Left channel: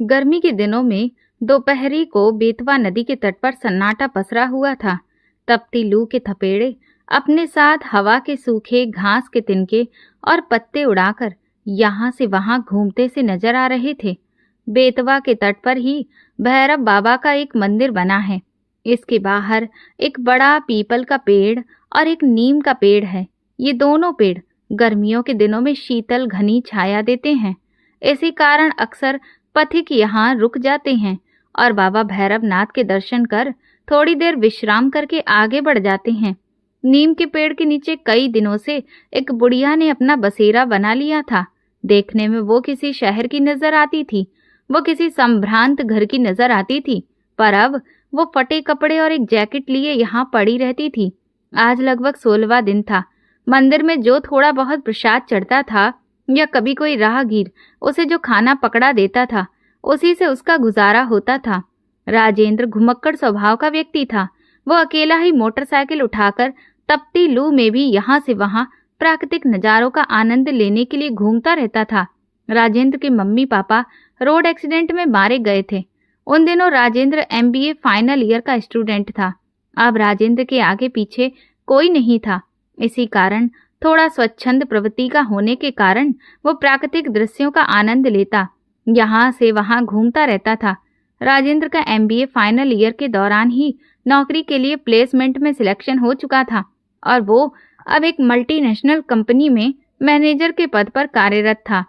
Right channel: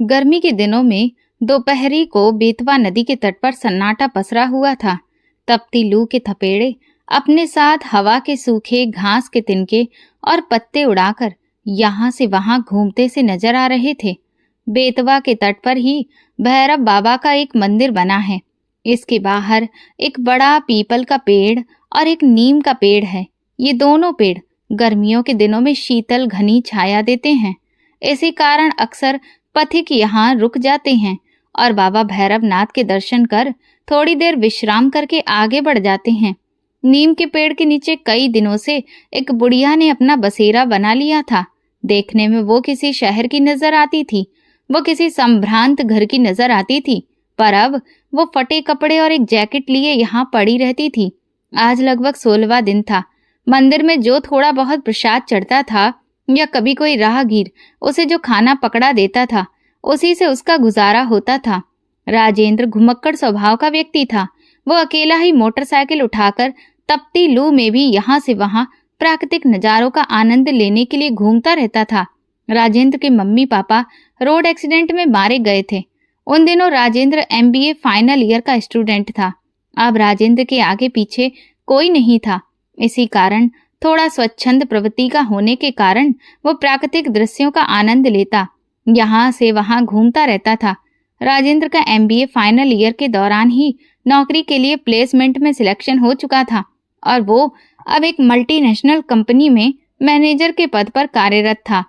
गर्मी के दिनों में दोपहरी को बेतवा नदी के तट पर सन्नाटा पसरा हुआ था। तपती लू के थपेड़े अपने साथ हवा के सूखे घास के तिनके और पत्ते उड़ाकर यहाँ से वहां घूमते से नजर आ रहे थे। बेतवा के तट पर ही भैरव बाबा का एक मंदिर बना है। इसके बाहर एक बड़ा पीपल का पेड़ और एक नीम का पेड़ है। ये दोनों पेड़ गर्मियों के दिनों में शीतल घनी छाया देते हैं। इसी कारण अक्सर पथिक यहाँ रुक जाते हैं और बाबा भैरवनाथ के दर्शन कर थोड़ी देर विश्राम करके आगे बढ़ जाते हैं। नीम के पेड़ के नीचे कई दिनों से एक बुढ़िया ने अपना बसेरा बना लिया था। देखने में वो किसी शहर की नजर आती थी, वो किसी संभ्रांत घर की नजर आती थी, पर अब वो फटे कपड़े और एक जैकेट लिए यहाँ पड़ी रहती थी। आज लगभग 16वां दिन था। मंदिर में जो थोड़ा बहुत प्रसाद चढ़ता था या कभी कोई राहगीर उसे जो खाना पकड़ा देता था, उसी से उसका गुजारा होता था। राजेंद्र घुमक्कड़ स्वभाव का व्यक्ति था। वो अकेला ही मोटरसाइकिल उठाकर तपती लू में भी यहाँ से वहां प्राकृतिक नजारों का आनंद लेने के लिए घूमता रहता था। राजेंद्र के मम्मी पापा रोड एक्सीडेंट में मारे गए थे। उन दिनों राजेंद्र MBA फाइनल ईयर का स्टूडेंट था। अब राजेंद्र के आगे पीछे कोई नहीं था। इसी कारण थोड़ा स्वच्छंद प्रवृत्ति का होने के कारण वो प्राकृतिक दृश्यों का आनंद लेता, यहाँ से वहां घूमता रहता था। राजेंद्र का MBA फाइनल ईयर के दौरान ही नौकरी के लिए प्लेसमेंट में सिलेक्शन हो चुका था और वो अब एक मल्टीनेशनल कंपनी में मैनेजर के पद पर कार्यरत था।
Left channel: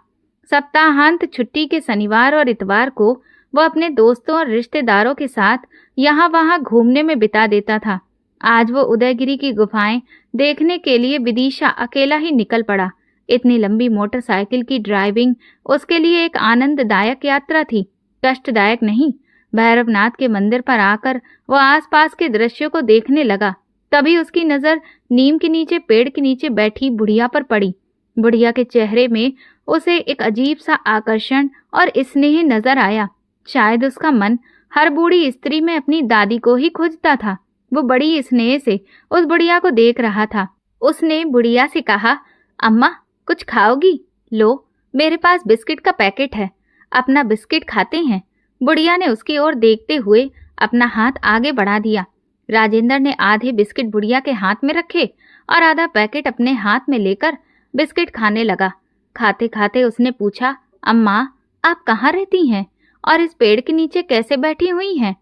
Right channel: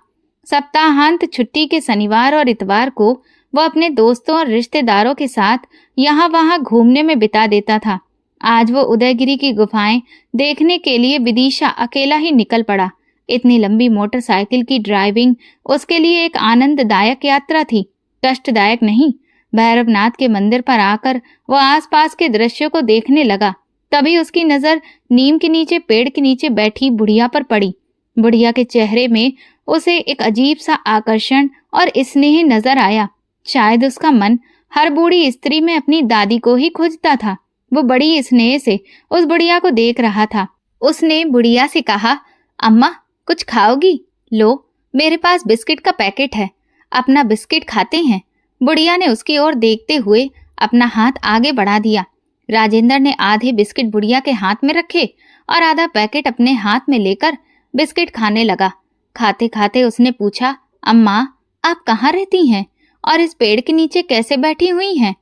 सप्ताहांत छुट्टी के शनिवार और इतवार को वो अपने दोस्तों और रिश्तेदारों के साथ यहाँ वहाँ घूमने में बिता देता था। आज वो उदयगिरी की गुफाएं देखने के लिए विदिशा अकेला ही निकल पड़ा। इतनी लंबी मोटरसाइकिल की ड्राइविंग उसके लिए एक आनंददायक यात्रा थी, कष्टदायक नहीं। भैरवनाथ के मंदिर पर आकर वो आसपास के दृश्यों को देखने लगा। तभी उसकी नजर नीम के नीचे पेड़ के नीचे बैठी बुढ़िया पर पड़ी। बुढ़िया के चेहरे में उसे एक अजीब सा आकर्षण और स्नेह नजर आया। शायद उसका मन हर बूढ़ी स्त्री में अपनी दादी को ही खोजता था। वो बड़ी स्नेह से उस बुढ़िया को देख रहा था। उसने बुढ़िया से कहा, अम्मा कुछ खाओगी? लो, मेरे पास बिस्किट का पैकेट है, अपना बिस्किट खाते हैं। बुढ़िया ने उसकी ओर देखते हुए अपना हाथ आगे बढ़ा दिया। राजेंद्र ने आधे बिस्किट बुढ़िया के हाथ में रखे और आधा पैकेट अपने हाथ में लेकर बिस्किट खाने लगा। खाते खाते उसने पूछा, अम्मा आप कहाँ रहती हैं और इस पेड़ के नीचे कैसे बैठी हुई हैं?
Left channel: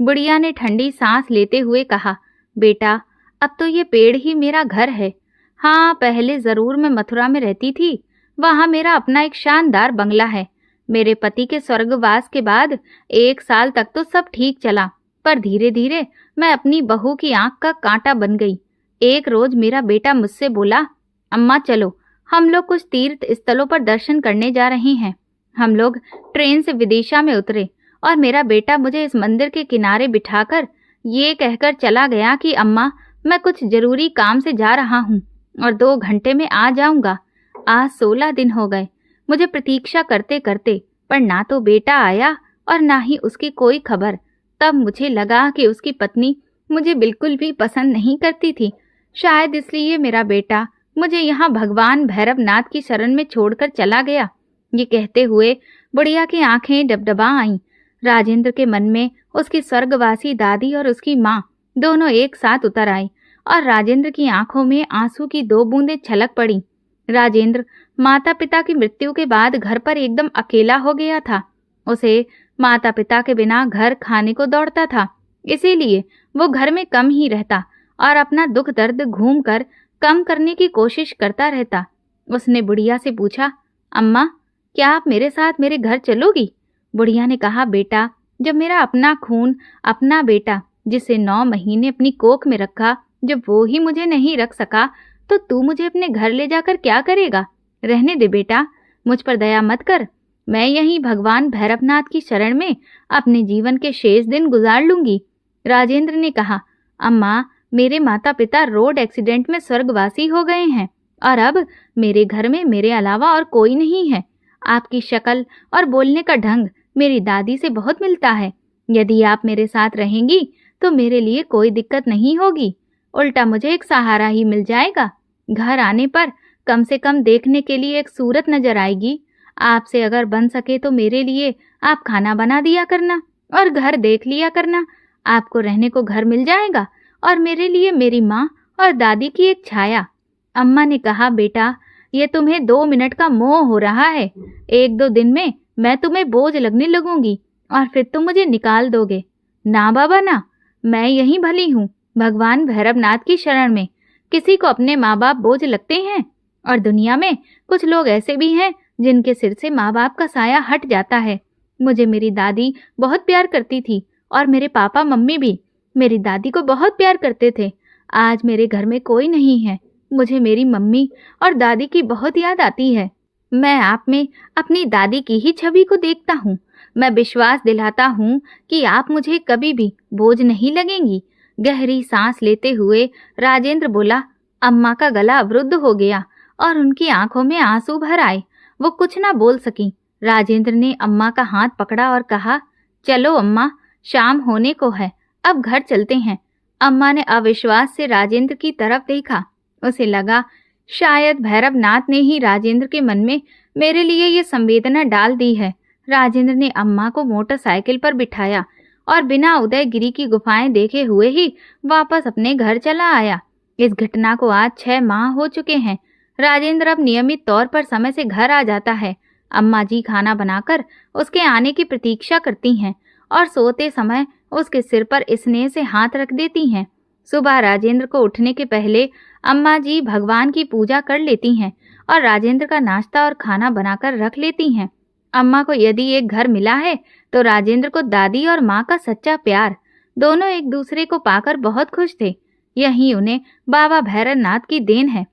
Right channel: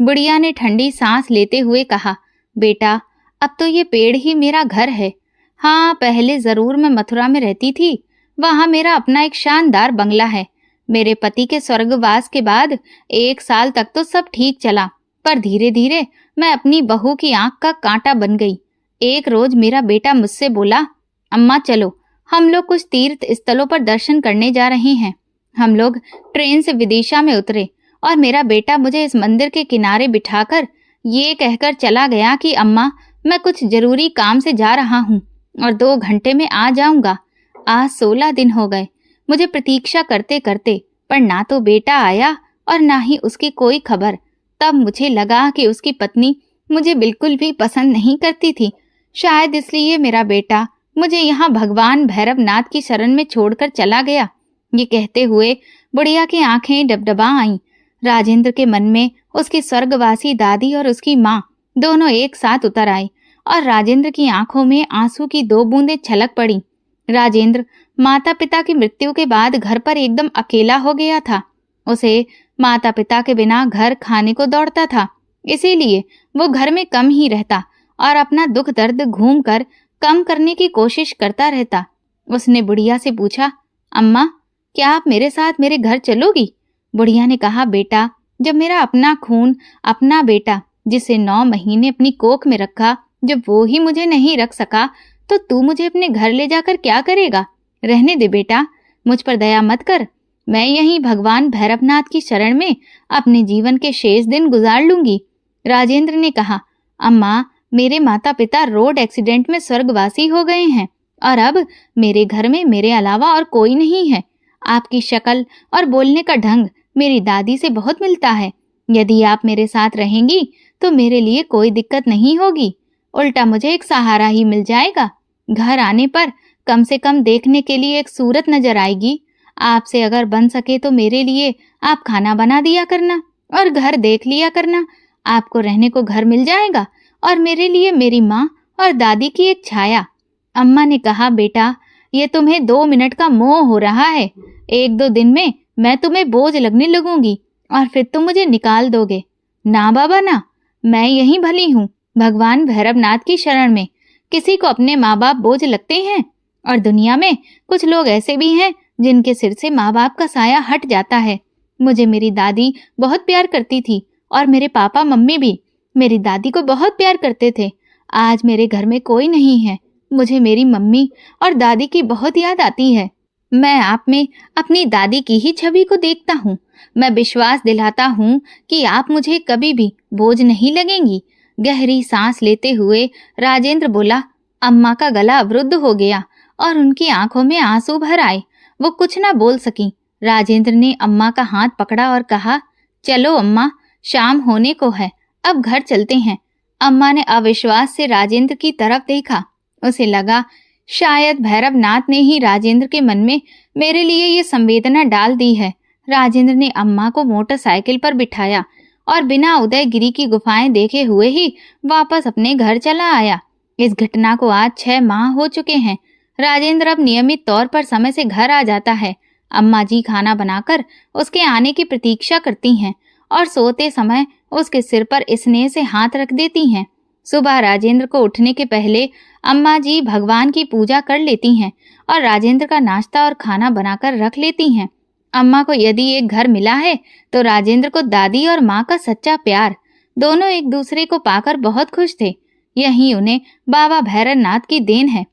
बुढ़िया ने ठंडी सांस लेते हुए कहा, बेटा अब तो ये पेड़ ही मेरा घर है। हाँ, पहले जरूर मैं मथुरा में रहती थी। वहाँ मेरा अपना एक शानदार बंगला है। मेरे पति के स्वर्गवास के बाद 1 साल तक तो सब ठीक चला, पर धीरे धीरे मैं अपनी बहू की आंख का कांटा बन गई। एक रोज मेरा बेटा मुझसे बोला, अम्मा चलो हम लोग कुछ तीर्थ स्थलों पर दर्शन करने जा रहे हैं। हम लोग ट्रेन से विदिशा में उतरे और मेरा बेटा मुझे इस मंदिर के किनारे बिठाकर ये कहकर चला गया कि अम्मा मैं कुछ जरूरी काम से जा रहा हूँ और 2 घंटे में आ जाऊंगा। आज 16 दिन हो गए मुझे प्रतीक्षा करते करते, पर ना तो बेटा आया और ना ही उसकी कोई खबर। तब मुझे लगा कि उसकी पत्नी मुझे बिल्कुल भी पसंद नहीं करती थी। शायद इसलिए मेरा बेटा मुझे यहाँ भगवान भैरवनाथ की शरण में छोड़कर चला गया। ये कहते हुए बुढ़िया की आंखें डबडबा आईं। राजेंद्र के मन में उसकी स्वर्गवासी दादी और उसकी माँ दोनों एक साथ उतर आई और राजेंद्र की आंखों में आंसू की 2 बूंदें छलक पड़ी। राजेंद्र माता पिता की मृत्यु के बाद घर पर एकदम अकेला हो गया था। उसे माता पिता के बिना घर खाने को दौड़ता था, इसीलिए वो घर में कम ही रहता और अपना दुख दर्द घूम कर कम करने की कोशिश करता रहता। उसने बुढ़िया से पूछा, अम्मा क्या आप मेरे साथ मेरे घर चलोगी? बुढ़िया ने कहा, बेटा जब मेरा अपना खून अपना बेटा जिसे 9 महीने अपनी कोख में रखा, जब वो ही मुझे नहीं रख सका तो तू मुझे अपने घर ले जाकर क्या करेगा? रहने दे बेटा, मुझ पर दया मत कर। मैं यहीं भगवान भैरवनाथ की शरण में अपने जीवन के शेष दिन गुजार लूंगी। राजेंद्र ने कहा, अम्मा मेरे माता पिता रोड एक्सीडेंट में स्वर्गवासी हो गए हैं और अब मेरे घर में मेरे अलावा और कोई नहीं है। आपकी शक्ल और बोलने का ढंग मेरी दादी से बहुत मिलता है। यदि आप मेरे साथ रहेंगी तो मेरे लिए कोई दिक्कत नहीं होगी, उल्टा मुझे एक सहारा ही मिल जाएगा। घर आने पर कम से कम देखने के लिए एक सूरत नजर आएगी। आपसे अगर बन सके तो मेरे लिए आप खाना बना दिया करना और घर देख लिया करना। आपको रहने को घर मिल जाएगा और मेरे लिए मेरी माँ और दादी की एक छाया। अम्मा ने कहा, बेटा ये तुम्हें 2 मिनट का मोह हो रहा है। 1-2 दिन में मैं तुम्हें बोझ लगने लगूंगी और फिर तुम मुझे निकाल दोगे। ना बाबा ना, मैं यहीं भली हूँ, भगवान भैरवनाथ की शरण में। किसी को अपने माँ बाप बोझ लगते हैं, और दुनिया में कुछ लोग ऐसे भी हैं जिनके सिर से माँ बाप का साया हट जाता है। मुझे मेरी दादी बहुत प्यार करती थी और मेरे पापा मम्मी भी मेरी दादी को बहुत प्यार करते थे। आज मेरे घर में कोई नहीं है। मुझे मेरी मम्मी और दादी की बहुत याद आती है। मैं आप में अपनी दादी की ही छवि को देखता हूँ। मैं विश्वास दिलाता हूँ कि आप मुझे कभी भी बोझ नहीं लगेंगी। गहरी सांस लेते हुए राजेंद्र बोला। अम्मा का गला अवरुद्ध हो गया और उनकी आंखों में आंसू भर आए। वो कुछ ना बोल सकी। राजेंद्र ने अम्मा का हाथ पकड़ा और कहा, चलो अम्मा, शाम होने को है, अब घर चलते हैं। अम्मा ने अविश्वास से राजेंद्र की तरफ देखा। उसे लगा शायद भैरवनाथ ने ही राजेंद्र के मन में मेरे लिए ये संवेदना डाल दी है। राजेंद्र ने अम्मा को मोटरसाइकिल पर बिठाया और बिना उदयगिरी की गुफाएं देखे हुए ही वापस अपने घर चला आया। इस घटना को आज 6 माह हो चुके हैं। राजेंद्र अब नियमित तौर पर समय से घर आ जाता है। अम्मा जी खाना बनाकर उसके आने की प्रतीक्षा करती हैं और सोते समय उसके सिर पर स्नेह से हाथ रख देती हैं। सुबह राजेंद्र को उठने के पहले अम्मा जी भगवान की पूजा कर लेती हैं और राजेंद्र का नाश्ता और खाना बनाकर रख लेती हैं। अम्मा को यदि एक घर मिला है तो राजेंद्र को दादी और माँ का सच्चा प्यार। दोनों एक दूसरे को पाकर बहुत खुश थे। यही उन्हें बाबा भैरवनाथ की देन है।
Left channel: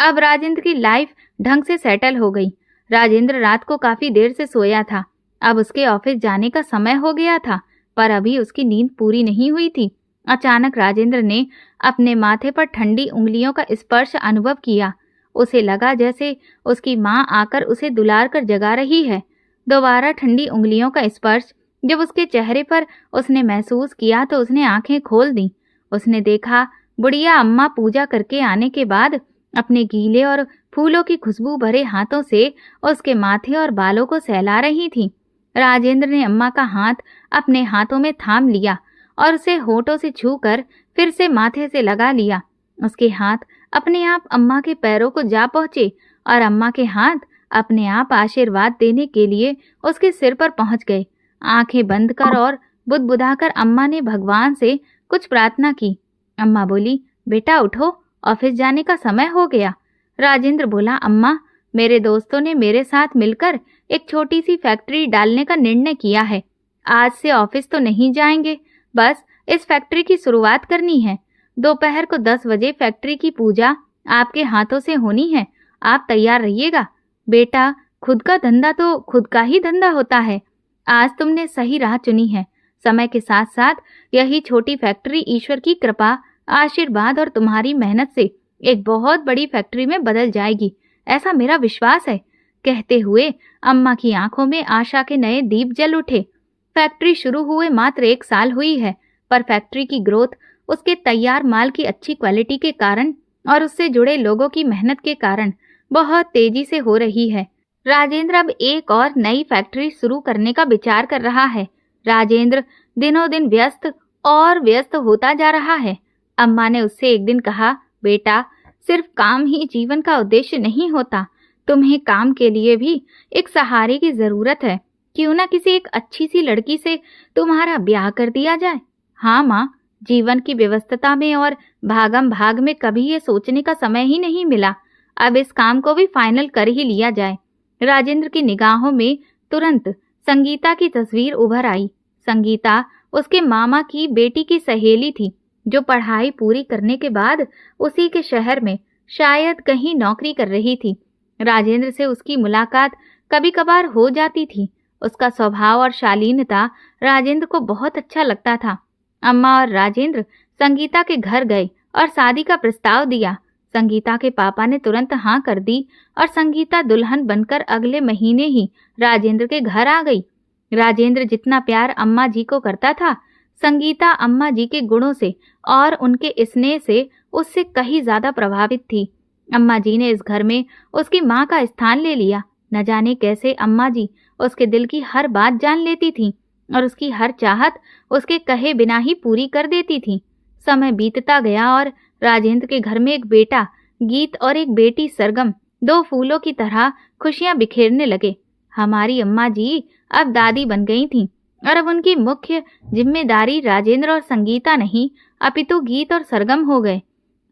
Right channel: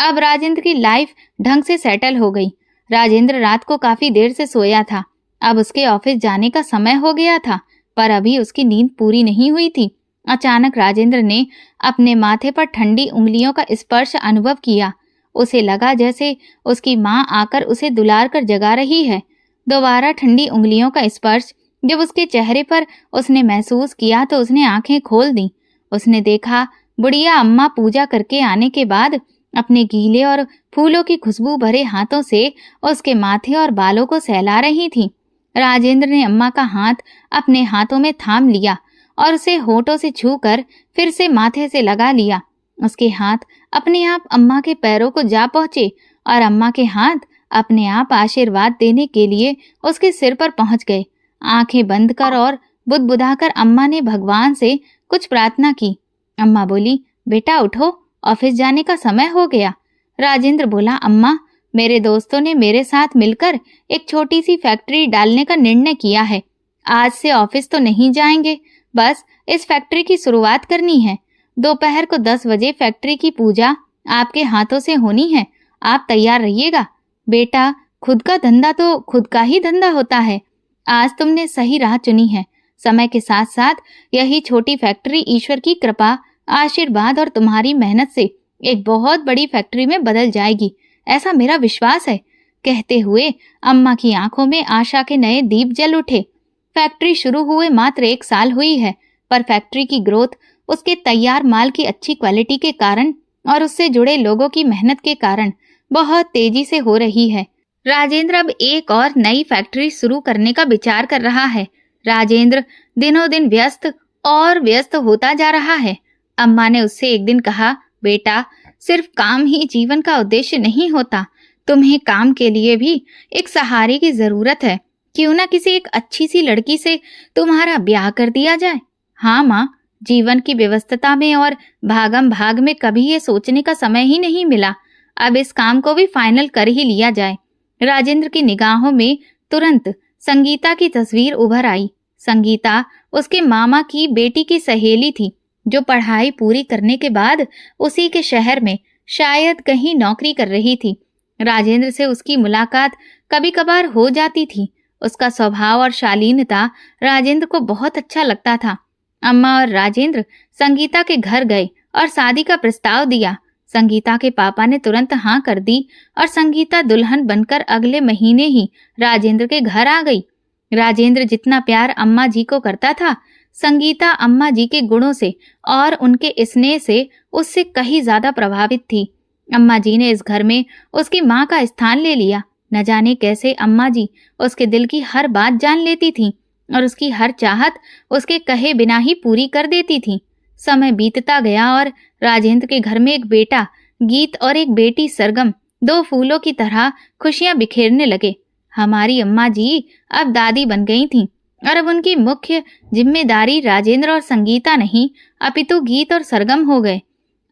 अब राजेंद्र की लाइफ ढंग से सेटल हो गई। राजेंद्र रात को काफी देर से सोया था। अब उसके ऑफिस जाने का समय हो गया था, पर अभी उसकी नींद पूरी नहीं हुई थी। अचानक राजेंद्र ने अपने माथे पर ठंडी उंगलियों का स्पर्श अनुभव किया। उसे लगा जैसे उसकी माँ आकर उसे दुलार कर जगा रही है। दोबारा ठंडी उंगलियों का स्पर्श जब उसके चेहरे पर उसने महसूस किया तो उसने आंखें खोल दी। उसने देखा बुढ़िया अम्मा पूजा करके आने के बाद अपने गीले और फूलों की खुशबू भरे हाथों से उसके माथे और बालों को सहला रही थी। राजेंद्र ने अम्मा का हाथ अपने हाथों में थाम लिया और उसे होठों से छूकर फिर से माथे से लगा लिया। उसके हाथ अपने आप अम्मा के पैरों को जा पहुंचे और अम्मा के हाथ अपने आप आशीर्वाद देने के लिए उसके सिर पर पहुंच गए। आंखें बंद कर और बुदबुदाकर अम्मा ने भगवान से कुछ प्रार्थना की। अम्मा बोली, बेटा उठो, ऑफिस जाने का समय हो गया। राजेंद्र बोला, अम्मा, मेरे दोस्तों ने मेरे साथ मिलकर एक छोटी सी फैक्ट्री डालने का निर्णय किया है। आज से ऑफिस तो नहीं जाएंगे, बस इस फैक्ट्री की शुरुआत करनी है। दोपहर को 10 बजे फैक्ट्री की पूजा आपके हाथों से होनी है। आप तैयार रहिएगा। बेटा, खुद का धंधा तो खुद का ही धंधा होता है। आज तुमने सही राह चुनी है। समय के साथ साथ यही छोटी फैक्ट्री ईश्वर की कृपा, आशीर्वाद और तुम्हारी मेहनत से एक बहुत बड़ी फैक्ट्री में बदल जाएगी, ऐसा मेरा विश्वास है। कहते हुए अम्मा की आंखों में आशा के नए दीप जल उठे। फैक्ट्री शुरू हुए मात्र 1 साल हुई है, पर फैक्ट्री की ग्रोथ उसके तैयार माल की अच्छी क्वालिटी के कारण और उससे जुड़े लोगों की मेहनत के कारण बहुत तेजी से हो रही है। राजेंद्र अब एक और नई फैक्ट्री शुरू करने का विचार कर रहा है। राजेंद्र दिनों दिन व्यस्त और व्यस्त होता जा रहा है। अम्मा ने उससे एक दिन कहा, बेटा, सिर्फ काम ही जीवन का उद्देश्य नहीं होता। तुम्हें काम के लिए भी एक सहारे की जरूरत है। क्यों ना किसी एक अच्छी सी लड़की से तुम्हारा ब्याह कर दिया जाए। हाँ माँ, जीवन की व्यस्तता में और भागम भाग में कभी ये सोचने का समय ही नहीं मिला। अब इस काम को भी फाइनल कर ही लिया जाए। राजेंद्र की निगाहों में तुरंत संगीता की तस्वीर उभर आई। संगीता उसके मामा की बेटी की सहेली थी, जो पढ़ाई पूरी करने के बाद उसी के शहर में शायद कहीं नौकरी कर रही थी। राजेंद्र से उसकी मुलाकात कभी कभार हो जाती थी। उसका स्वभाव और शालीनता राजेंद्र को बहुत अच्छा लगता था। अम्मा और राजेंद्र संगीता के घर गए और शादी का प्रस्ताव दिया। संगीता के पापा ने तुरंत हाँ कर दी और संगीता दुल्हन बनकर अगले महीने ही राजेंद्र के घर आ गई। राजेंद्र जितना प्यार अम्मा जी को करता था, संगीता अम्मा जी के गुणों से और उनके स्नेह से उससे कहीं ज्यादा प्रभावित थी। अम्मा जी ने इस घर में उसकी माँ का स्थान ले लिया। न जाने कैसे अम्मा जी उसके दिल की हर बात जान लेती थीं और उसकी हर चाहत उसके कहे बिना ही पूरी कर देती थीं। समय बीतता गया और राजेंद्र के घर में एक बेटा गीत और एक बेटी सरगम दो फूलों की तरह खुशियां बिखेरने लगे। हमारी अम्मा जी अब दादी बन गई थीं और अब उनकी मुख्य जिम्मेदारी राजेंद्र और संगीता नहीं अपितु गीत और सरगम हो गए।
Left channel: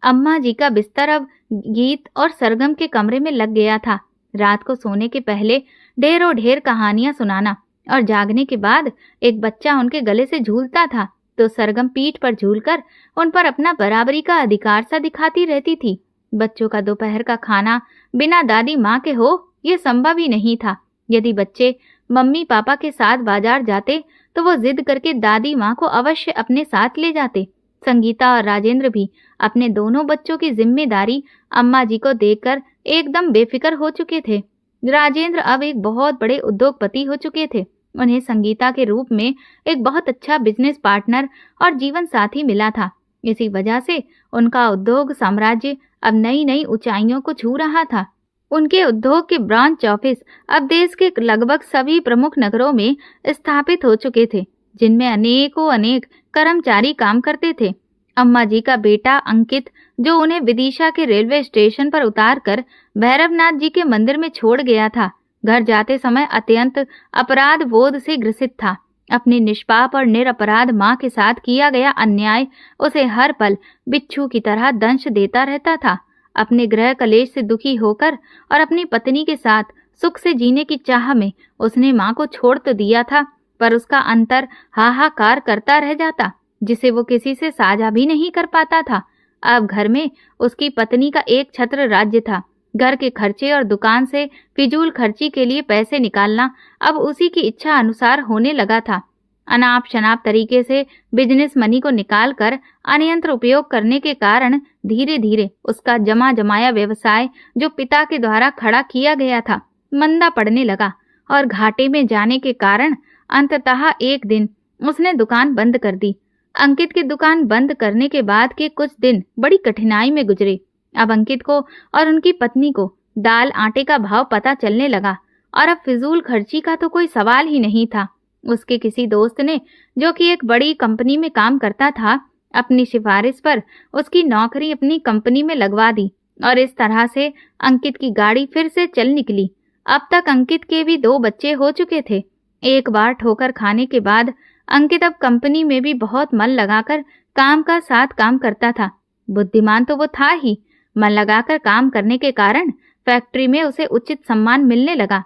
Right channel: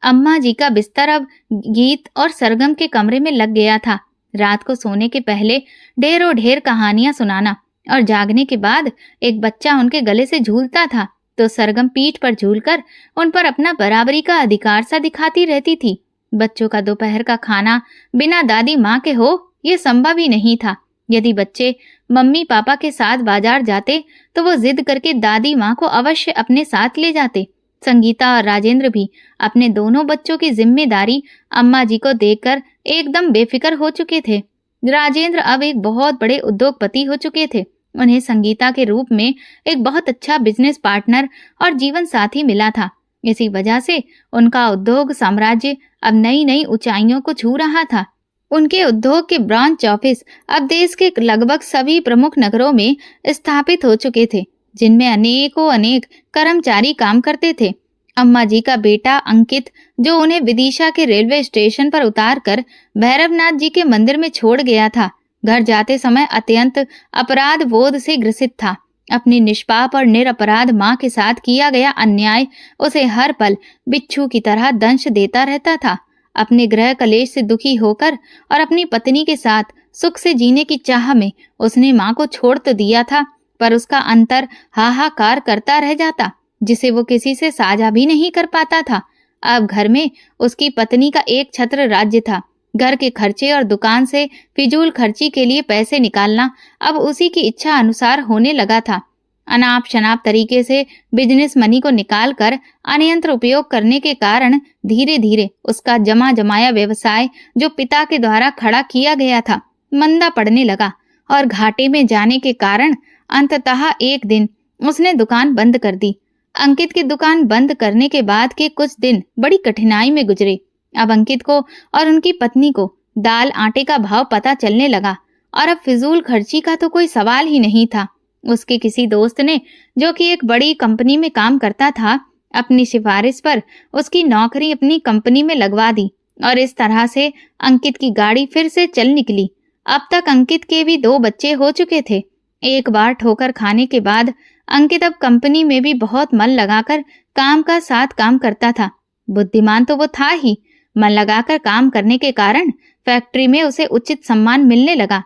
अम्मा जी का बिस्तर अब गीत और सरगम के कमरे में लग गया था। रात को सोने के पहले ढेरों ढेर कहानियां सुनाना और जागने के बाद एक बच्चा उनके गले से झूलता था तो सरगम पीठ पर झूलकर उन पर अपना बराबरी का अधिकार सा दिखाती रहती थी। बच्चों का दोपहर का खाना बिना दादी माँ के हो ये संभव ही नहीं था। यदि बच्चे मम्मी पापा के साथ बाजार जाते तो वो जिद करके दादी माँ को अवश्य अपने साथ ले जाते। संगीता और राजेंद्र भी अपने दोनों बच्चों की जिम्मेदारी अम्मा जी को देखकर एकदम बेफिक्र हो चुके थे। राजेंद्र अब एक बहुत बड़े उद्योगपति हो चुके थे। उन्हें संगीता के रूप में एक बहुत अच्छा बिजनेस पार्टनर और जीवन साथी मिला था। इसी वजह से उनका उद्योग साम्राज्य अब नई नई ऊंचाइयों को छू रहा था। उनके उद्योग के ब्रांच ऑफिस अब देश के लगभग सभी प्रमुख नगरों में स्थापित हो चुके थे, जिनमें अनेकों अनेक कर्मचारी काम करते थे। अम्मा जी का बेटा अंकित, जो उन्हें विदिशा के रेलवे स्टेशन पर उतारकर भैरवनाथ जी के मंदिर में छोड़ गया था, घर जाते समय अत्यंत अपराध बोध से ग्रसित था। अपनी निष्पाप और निरपराध माँ के साथ किया गया अन्याय उसे हर पल बिच्छू की तरह दंश देता रहता था। अपने गृह कलेश से दुखी होकर और अपनी पत्नी के साथ सुख से जीने की चाह में उसने माँ को छोड़ तो दिया था, पर उसका अंतर हाहाकार करता रह जाता, जिसे वो किसी से साझा भी नहीं कर पाता था। अब घर में उसकी पत्नी का एक छत्र राज्य था। घर के खर्चे और दुकान से फिजूल खर्ची के लिए पैसे निकालना अब उसी की इच्छा अनुसार होने लगा था। अनाप शनाप तरीके से बिजनेस मनी को निकालकर अनियंत्र उपयोग करने के कारण धीरे धीरे उसका जमा जमाया व्यवसाय, जो पिता के द्वारा खड़ा किया गया था, मंदा पड़ने लगा और घाटे में जाने के कारण अंततः एक दिन उसने दुकान बंद कर दी। अंकित की दुकान बंद करने के बाद के कुछ दिन बड़ी कठिनाई में गुजरे। अब अंकित को और उनकी पत्नी को दाल आटे का भाव पता चलने लगा और अब फिजूल खर्ची का तो कोई सवाल ही नहीं था। उसके किसी दोस्त ने, जो कि एक बड़ी कंपनी में काम करता था, अपनी सिफारिश पर उसकी नौकरी अपनी कंपनी में लगवा दी और इस तरह से अंकित की गाड़ी फिर से चल निकली। अब तक अंकित के भी 2 बच्चे हो चुके थे। एक बार ठोकर खाने के बाद अंकित अब कंपनी में भी बहुत मन लगाकर काम का साथ काम करता था। बुद्धिमान तो वो था ही, मन लगाकर काम करने के कारण फैक्ट्री में उसे उचित सम्मान मिलने लगा।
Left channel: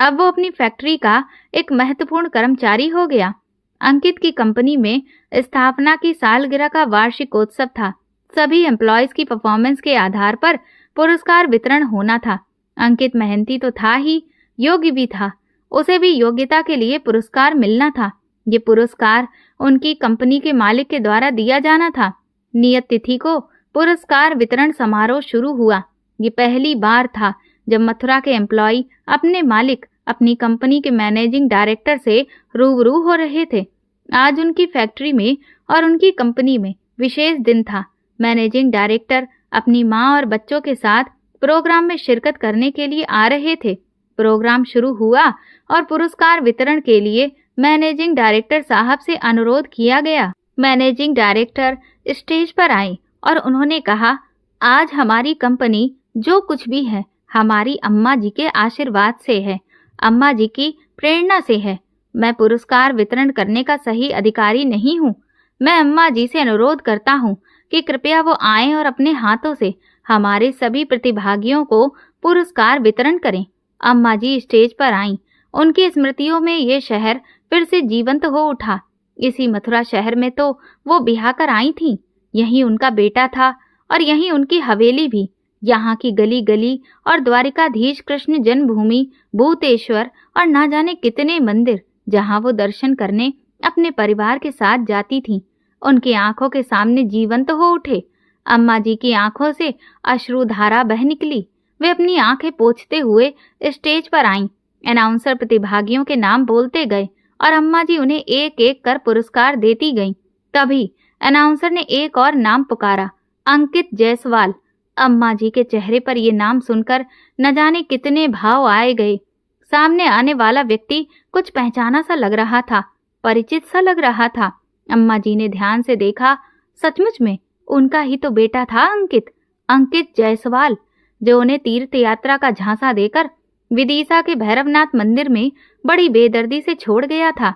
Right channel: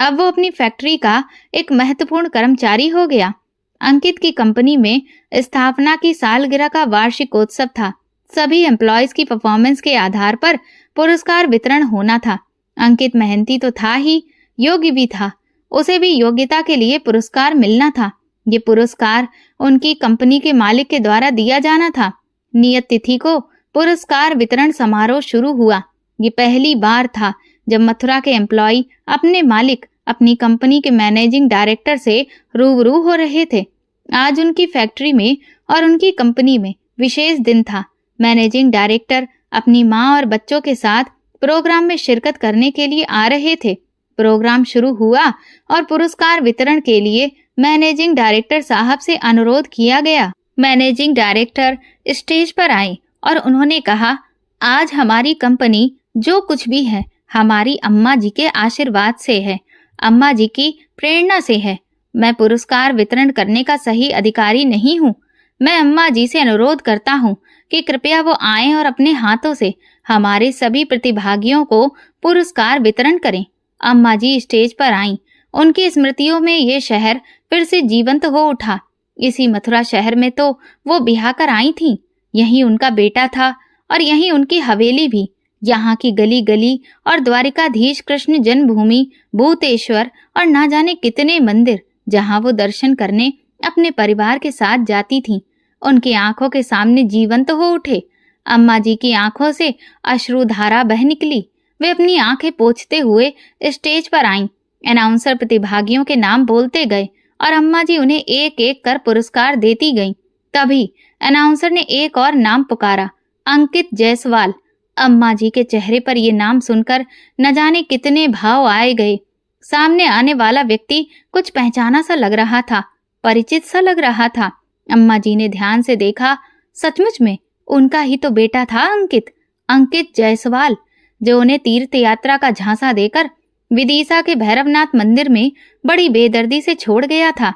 अब वो अपनी फैक्ट्री का एक महत्वपूर्ण कर्मचारी हो गया। अंकित की कंपनी में स्थापना की सालगिरह का वार्षिकोत्सव था। सभी एम्प्लॉयज की परफॉर्मेंस के आधार पर पुरस्कार वितरण होना था। अंकित मेहनती तो था ही, योग्य भी था। उसे भी योग्यता के लिए पुरस्कार मिलना था। ये पुरस्कार उनकी कंपनी के मालिक के द्वारा दिया जाना था। नियत तिथि को पुरस्कार वितरण समारोह शुरू हुआ। ये पहली बार था जब मथुरा के एम्प्लॉय अपने मालिक, अपनी कंपनी के मैनेजिंग डायरेक्टर से रूबरू हो रहे थे। आज उनकी फैक्ट्री में और उनकी कंपनी में विशेष दिन था। मैनेजिंग डायरेक्टर अपनी माँ और बच्चों के साथ प्रोग्राम में शिरकत करने के लिए आ रहे थे। प्रोग्राम शुरू हुआ और पुरस्कार वितरण के लिए मैनेजिंग डायरेक्टर साहब से अनुरोध किया गया। मैनेजिंग डायरेक्टर स्टेज पर आए और उन्होंने कहा, आज हमारी कंपनी जो कुछ भी है हमारी अम्मा जी के आशीर्वाद से है, अम्मा जी की प्रेरणा से है। मैं पुरस्कार वितरण करने का सही अधिकारी नहीं हूँ। मैं अम्मा जी से अनुरोध करता हूँ कि कृपया वो आएं और अपने हाथों से हमारे सभी प्रतिभागियों को पुरस्कार वितरण करें। अम्मा जी स्टेज पर आईं। उनकी स्मृतियों में ये शहर फिर से जीवंत हो उठा। इसी मथुरा शहर में तो वो ब्याह कर आई थीं। यहीं उनका बेटा था और यहीं उनकी हवेली भी। यहाँ की गली गली और द्वारिकाधीश कृष्ण जन्मभूमि, भूतेश्वर और ना जाने कितने मंदिर, जहाँ वो दर्शन करने अपने परिवार के साथ जाती थीं, उनकी आंखों के सामने जीवंत हो उठे। अम्मा जी की आंखों से अश्रुधारा बह निकली। वे अपनी आंखें पोंछते हुए स्टेज पर आईं। अनाउंसर प्रतिभागियों के नाम बोलते गए और अम्मा जी उन्हें एक एक कर पुरस्कार देती गईं। तभी अनाउंसर ने एक और नाम पुकारा, अंकित जायसवाल। अम्मा जी के चेहरे पर ये नाम सुनकर न जाने कितने भाव आए गए। सामने आने वाला व्यक्ति कुछ पहचाना सा लग रहा था, परिचित सा लग रहा था। अम्मा जी ने ध्यान से देखा, सचमुच में उनका ही तो बेटा था अंकित, अंकित जायसवाल, जो उन्हें तीर्थ यात्रा का झांसा देकर विदिशा के भैरवनाथ मंदिर में बड़ी बेदर्दी से छोड़ गया था।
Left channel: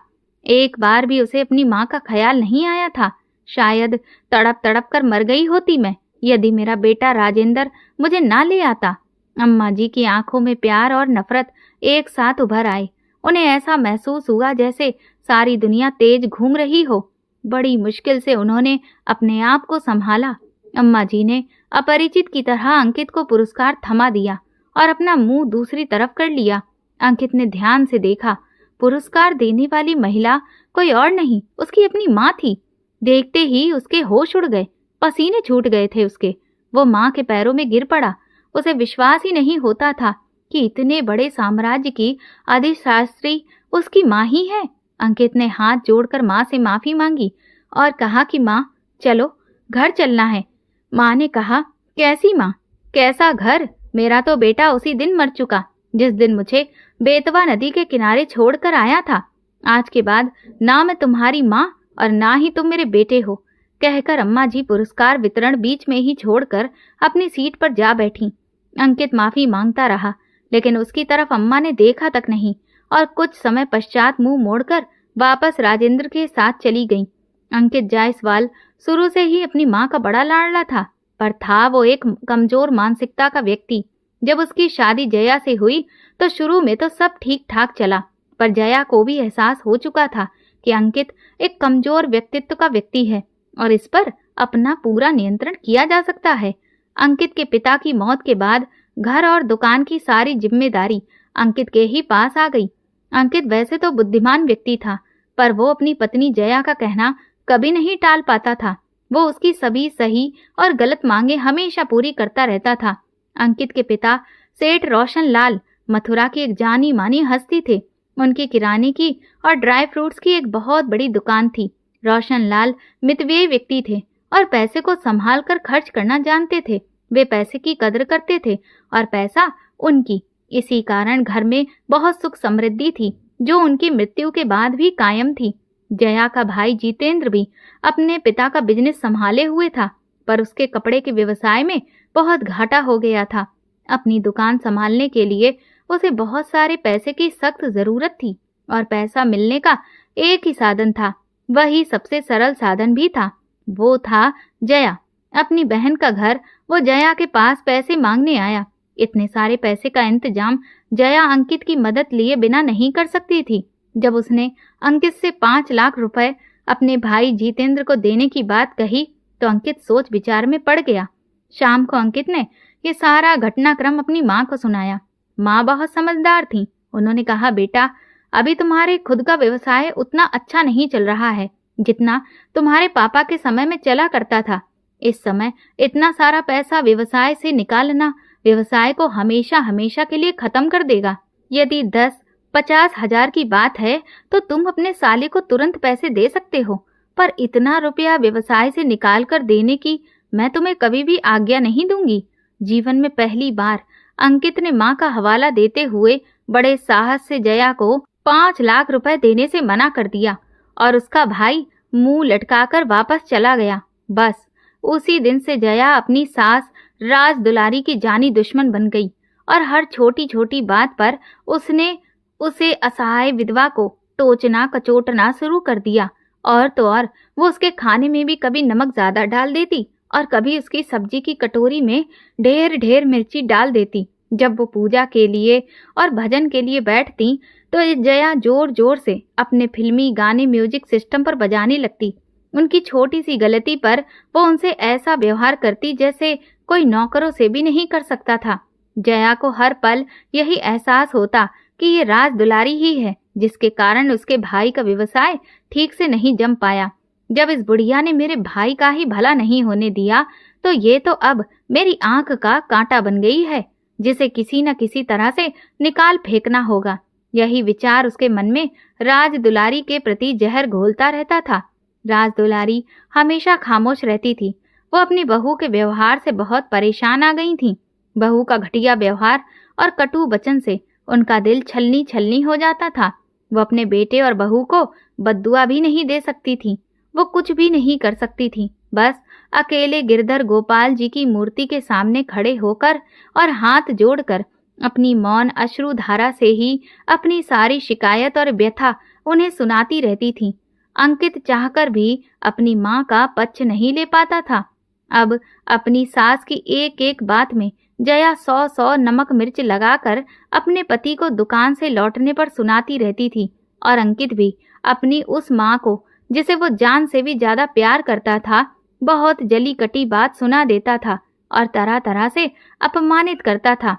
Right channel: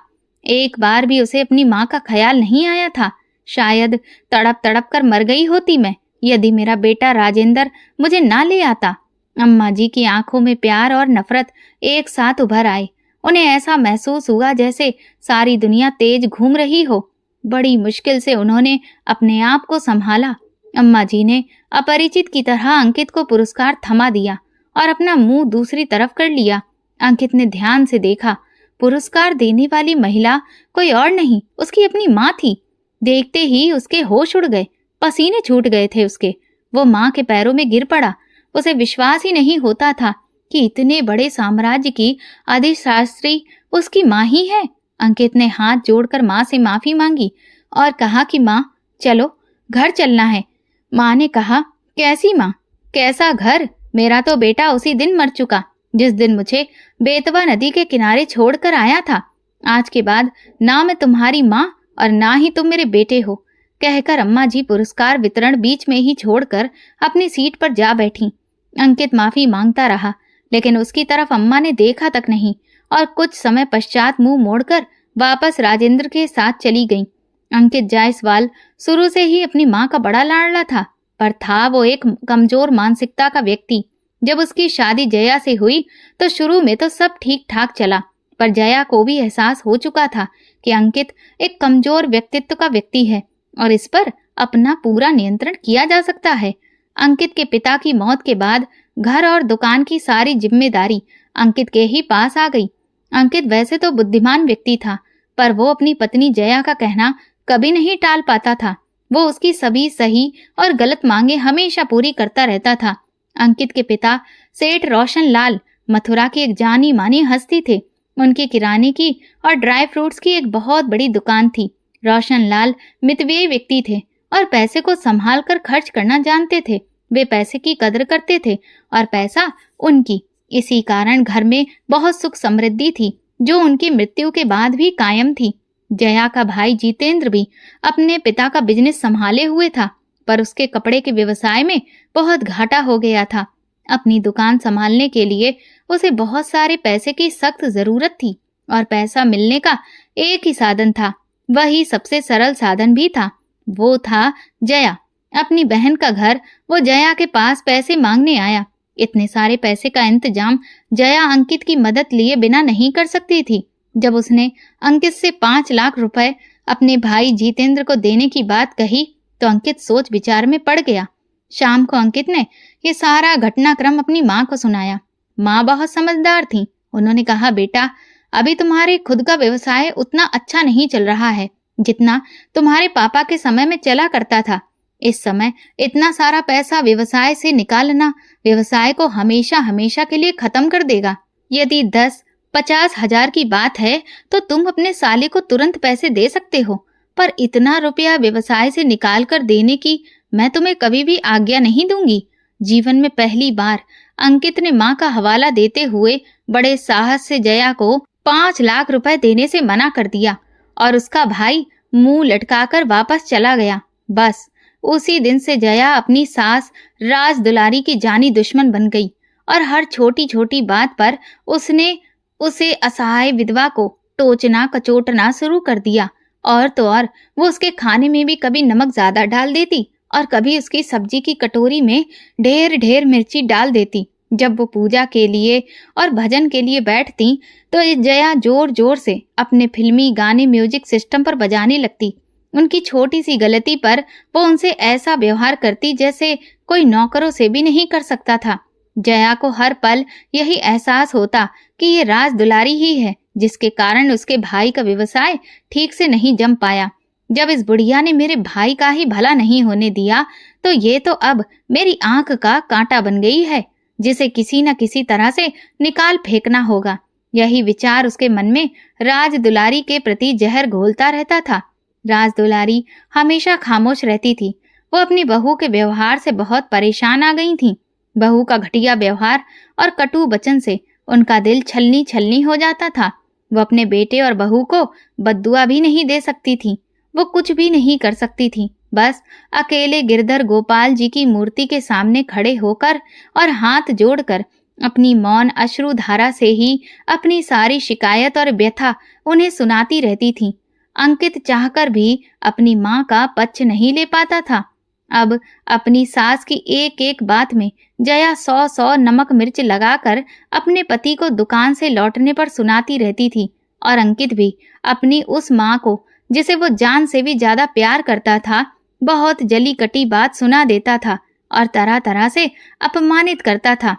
एक बार भी उसे अपनी माँ का ख्याल नहीं आया था। शायद तड़प तड़प कर मर गई होती मैं, यदि मेरा बेटा राजेंद्र मुझे ना ले आता। अम्मा जी की आंखों में प्यार और नफरत एक साथ उभर आए। उन्हें ऐसा महसूस हुआ जैसे सारी दुनिया तेज घूम रही हो। बड़ी मुश्किल से उन्होंने अपने आप को संभाला। अम्मा जी ने अपरिचित की तरह अंकित को पुरस्कार थमा दिया और अपना मुंह दूसरी तरफ कर लिया। अंकित ने ध्यान से देखा, पुरस्कार देने वाली महिला कोई और नहीं, उसकी अपनी माँ थी। देखते ही उसके होश उड़ गए, पसीने छूट गए थे उसके। वो माँ के पैरों में गिर पड़ा। उसे विश्वास ही नहीं होता था कि इतने बड़े साम्राज्य की अधिशास्त्री उसकी माँ ही है। अंकित ने हाथ जोड़कर माँ से माफी मांगी और कहा कि माँ चलो, घर चलना है। माँ ने कहा, कैसी माँ, कैसा घर? मेरा तो बेटा उसी दिन मर चुका जिस दिन मुझे बेतवा नदी के किनारे छोड़कर आया था। आज के बाद ना मैं तुम्हारी माँ और ना ही तुम मेरे बेटे हो, कहकर अम्मा जी पुरस्कार वितरण बीच में ही छोड़कर अपनी सीट पर जा बैठी। अंकित माफी मांगता रहा, लेकिन उसकी तरफ अम्मा ने देखा तक नहीं और कुछ समय पश्चात मुंह मोड़कर वापस राजेंद्र के साथ चली गई। अंकित जायसवाल शुरू से ही अपनी माँ का बड़ा लाडला था, पर था वो एक कमजोर मानसिकता का व्यक्ति। जब उसकी शादी जया से हुई तो शुरू में तो सब ठीक ठाक चला, पर जया को भी एहसास हो चुका था कि अंकित एक कमजोर व्यक्तित्व का व्यक्ति है और इस पर अपना पूरा नियंत्रण किया जा सकता है। अंकित के पिता की मौत के बाद घर और दुकान की सारी जिम्मेदारी अंकित के ही पास आ गई। अंकित वैसे तो बुद्धिमान व्यक्ति था, पर वो अपनी पत्नी जया का कहना कभी नहीं टाल पाता था। वो उसकी सभी सही और गलत मांगे हमेशा पूरी करता रहता था। अंकित के पिता सेठ रोशन लाल मथुरा की एक जानी मानी हस्ती थे। उनकी किराने की और ड्राई फ्रूट्स की एक बहुत बड़ी दुकान थी। रोशन लाल मितव्ययी व्यक्ति थे और पैसे को संभाल कर खर्च करना जानते थे। वे पैसे की कदर करते थे और पैसा उनकी। इसी कारण घर में बहुत सुख समृद्धि थी, जो उनकी मृत्यु के बाद भी कायम थी। जया का भाई जितेंद्र भी अपने पिता का बिजनेस संभाले हुए था, पर उसके कपड़े के व्यवसाय में बहुत घाटा हो गया था। अपनी दुकान संभालने के लिए उसे बहुत सारे पैसे की सख्त जरूरत थी और पैसा मिलने का एक ही साधन था, वही सबसे सरल साधन भी था, वो था जया। अपनी बहन का घर वो जया के पास पैसे मांगने आया। इतने सारे पैसे का इंतजाम जया अंकित की मदद लिए बिना नहीं कर सकती थी। जब उसने अंकित से 5 लाख रुपए अपने भाई जितेंद्र को देने की बात कही तो अंकित सोच विचार में पड़ गया। शाम को अंकित ने ये सारा घटनाक्रम अपनी माँ को सुनाया। माँ बहुत समझदार थी। उन्होंने कहा, बेटा अभी तुम्हारे खुद का व्यवसाय उतना अच्छा नहीं चल रहा है जितना तुम्हारे पापा के समय में चला करता था। इस समय इतना सारा पैसा व्यवसाय से निकालना व्यवसाय को हमेशा हमेशा के लिए खत्म कर देगा। यदि 10-50 हजार की बात है तो तुम अपने साले को तुरंत पैसे दे सकते हो, पर इतना रुपया व्यवसाय से निकाल कर देने की मैं तुम्हें कभी भी आज्ञा नहीं दूंगी। जीवन में पहली बार अंकित ने माँ का हवाला देते हुए बड़े साहस से जया को 5 लाख रुपए देने से मना कर दिया और उसका भाई मुंह लटकाकर वापस चला गया। बस उसी दिन से जया अपनी सास राज दुलारी की जानी दुश्मन बन गई और हर छोटी छोटी बात पर उसने उसे असहाय विधवा को टोचना कचोटना शुरू कर दिया। और तो और वो उसके खाने में भी कभी नमक ज्यादा डाल देती और कभी उसकी सब्जी की कटोरी में ढेर ढेर मिर्ची डाल देती। जब वो पूजा के लिए और भजन के लिए बैठती तो जया जोर जोर से अपने फिल्मी गाने म्यूजिक सिस्टम पर बजाने लगती। उनकी छोटी सी गलती पर वो उनसे ऐसा व्यवहार करती जैसे कोई नौकरों से भी नहीं कर सकता था। जया को हर पल यही एहसास होता कि ये राज दुलारी ही है जिसके कारण उसके भाई का व्यवसाय ठीक से नहीं जम पाया। जब इस बुढ़िया ने मेरे भाई का ही भला नहीं होने दिया तो ये तो अब मेरी आंख का कांटा बन गई है, जिसे किसी न किसी तरह से निकाल फेंकना होगा। यही विचार उसके मन में राज दुलारी के प्रति जहर घोलता रहता था। राज दुलारी हमेशा खामोश रहती थी। वो अपनी बहू के व्यवहार से बहुत परेशान आ गई थी। बहू का घटिया व्यवहार और कटु वचन से उनका दिल छलनी छलनी हो जाता था। वो अपने बेटे और बहू को बद्दुआ भी नहीं दे सकती थी। वो कुछ भी नहीं कर सकती थी। बस अकेले गिरधर गोपाल जी की मूर्ति के सामने खड़े होकर और हाथ जोड़कर अपनी मौन अश्रु धारा से ही अपनी सारी शिकायत और व्यथा उन्हें सुनाती रहती थी। अंकित चाहकर भी अपनी माँ का पक्ष नहीं ले पाता था। अब अपनी सास की एक एक बात में जया 100 नमक मिर्च लगाकर अपने पति को दुकान से लौटने पर सुनाती रहती थी, और अंकित भी अपनी उस माँ को, जिसे वो जान से भी ज्यादा प्यार करता था, बहुत जली कटी बात सुना देता था और तरह तरह से अपमानित करता था।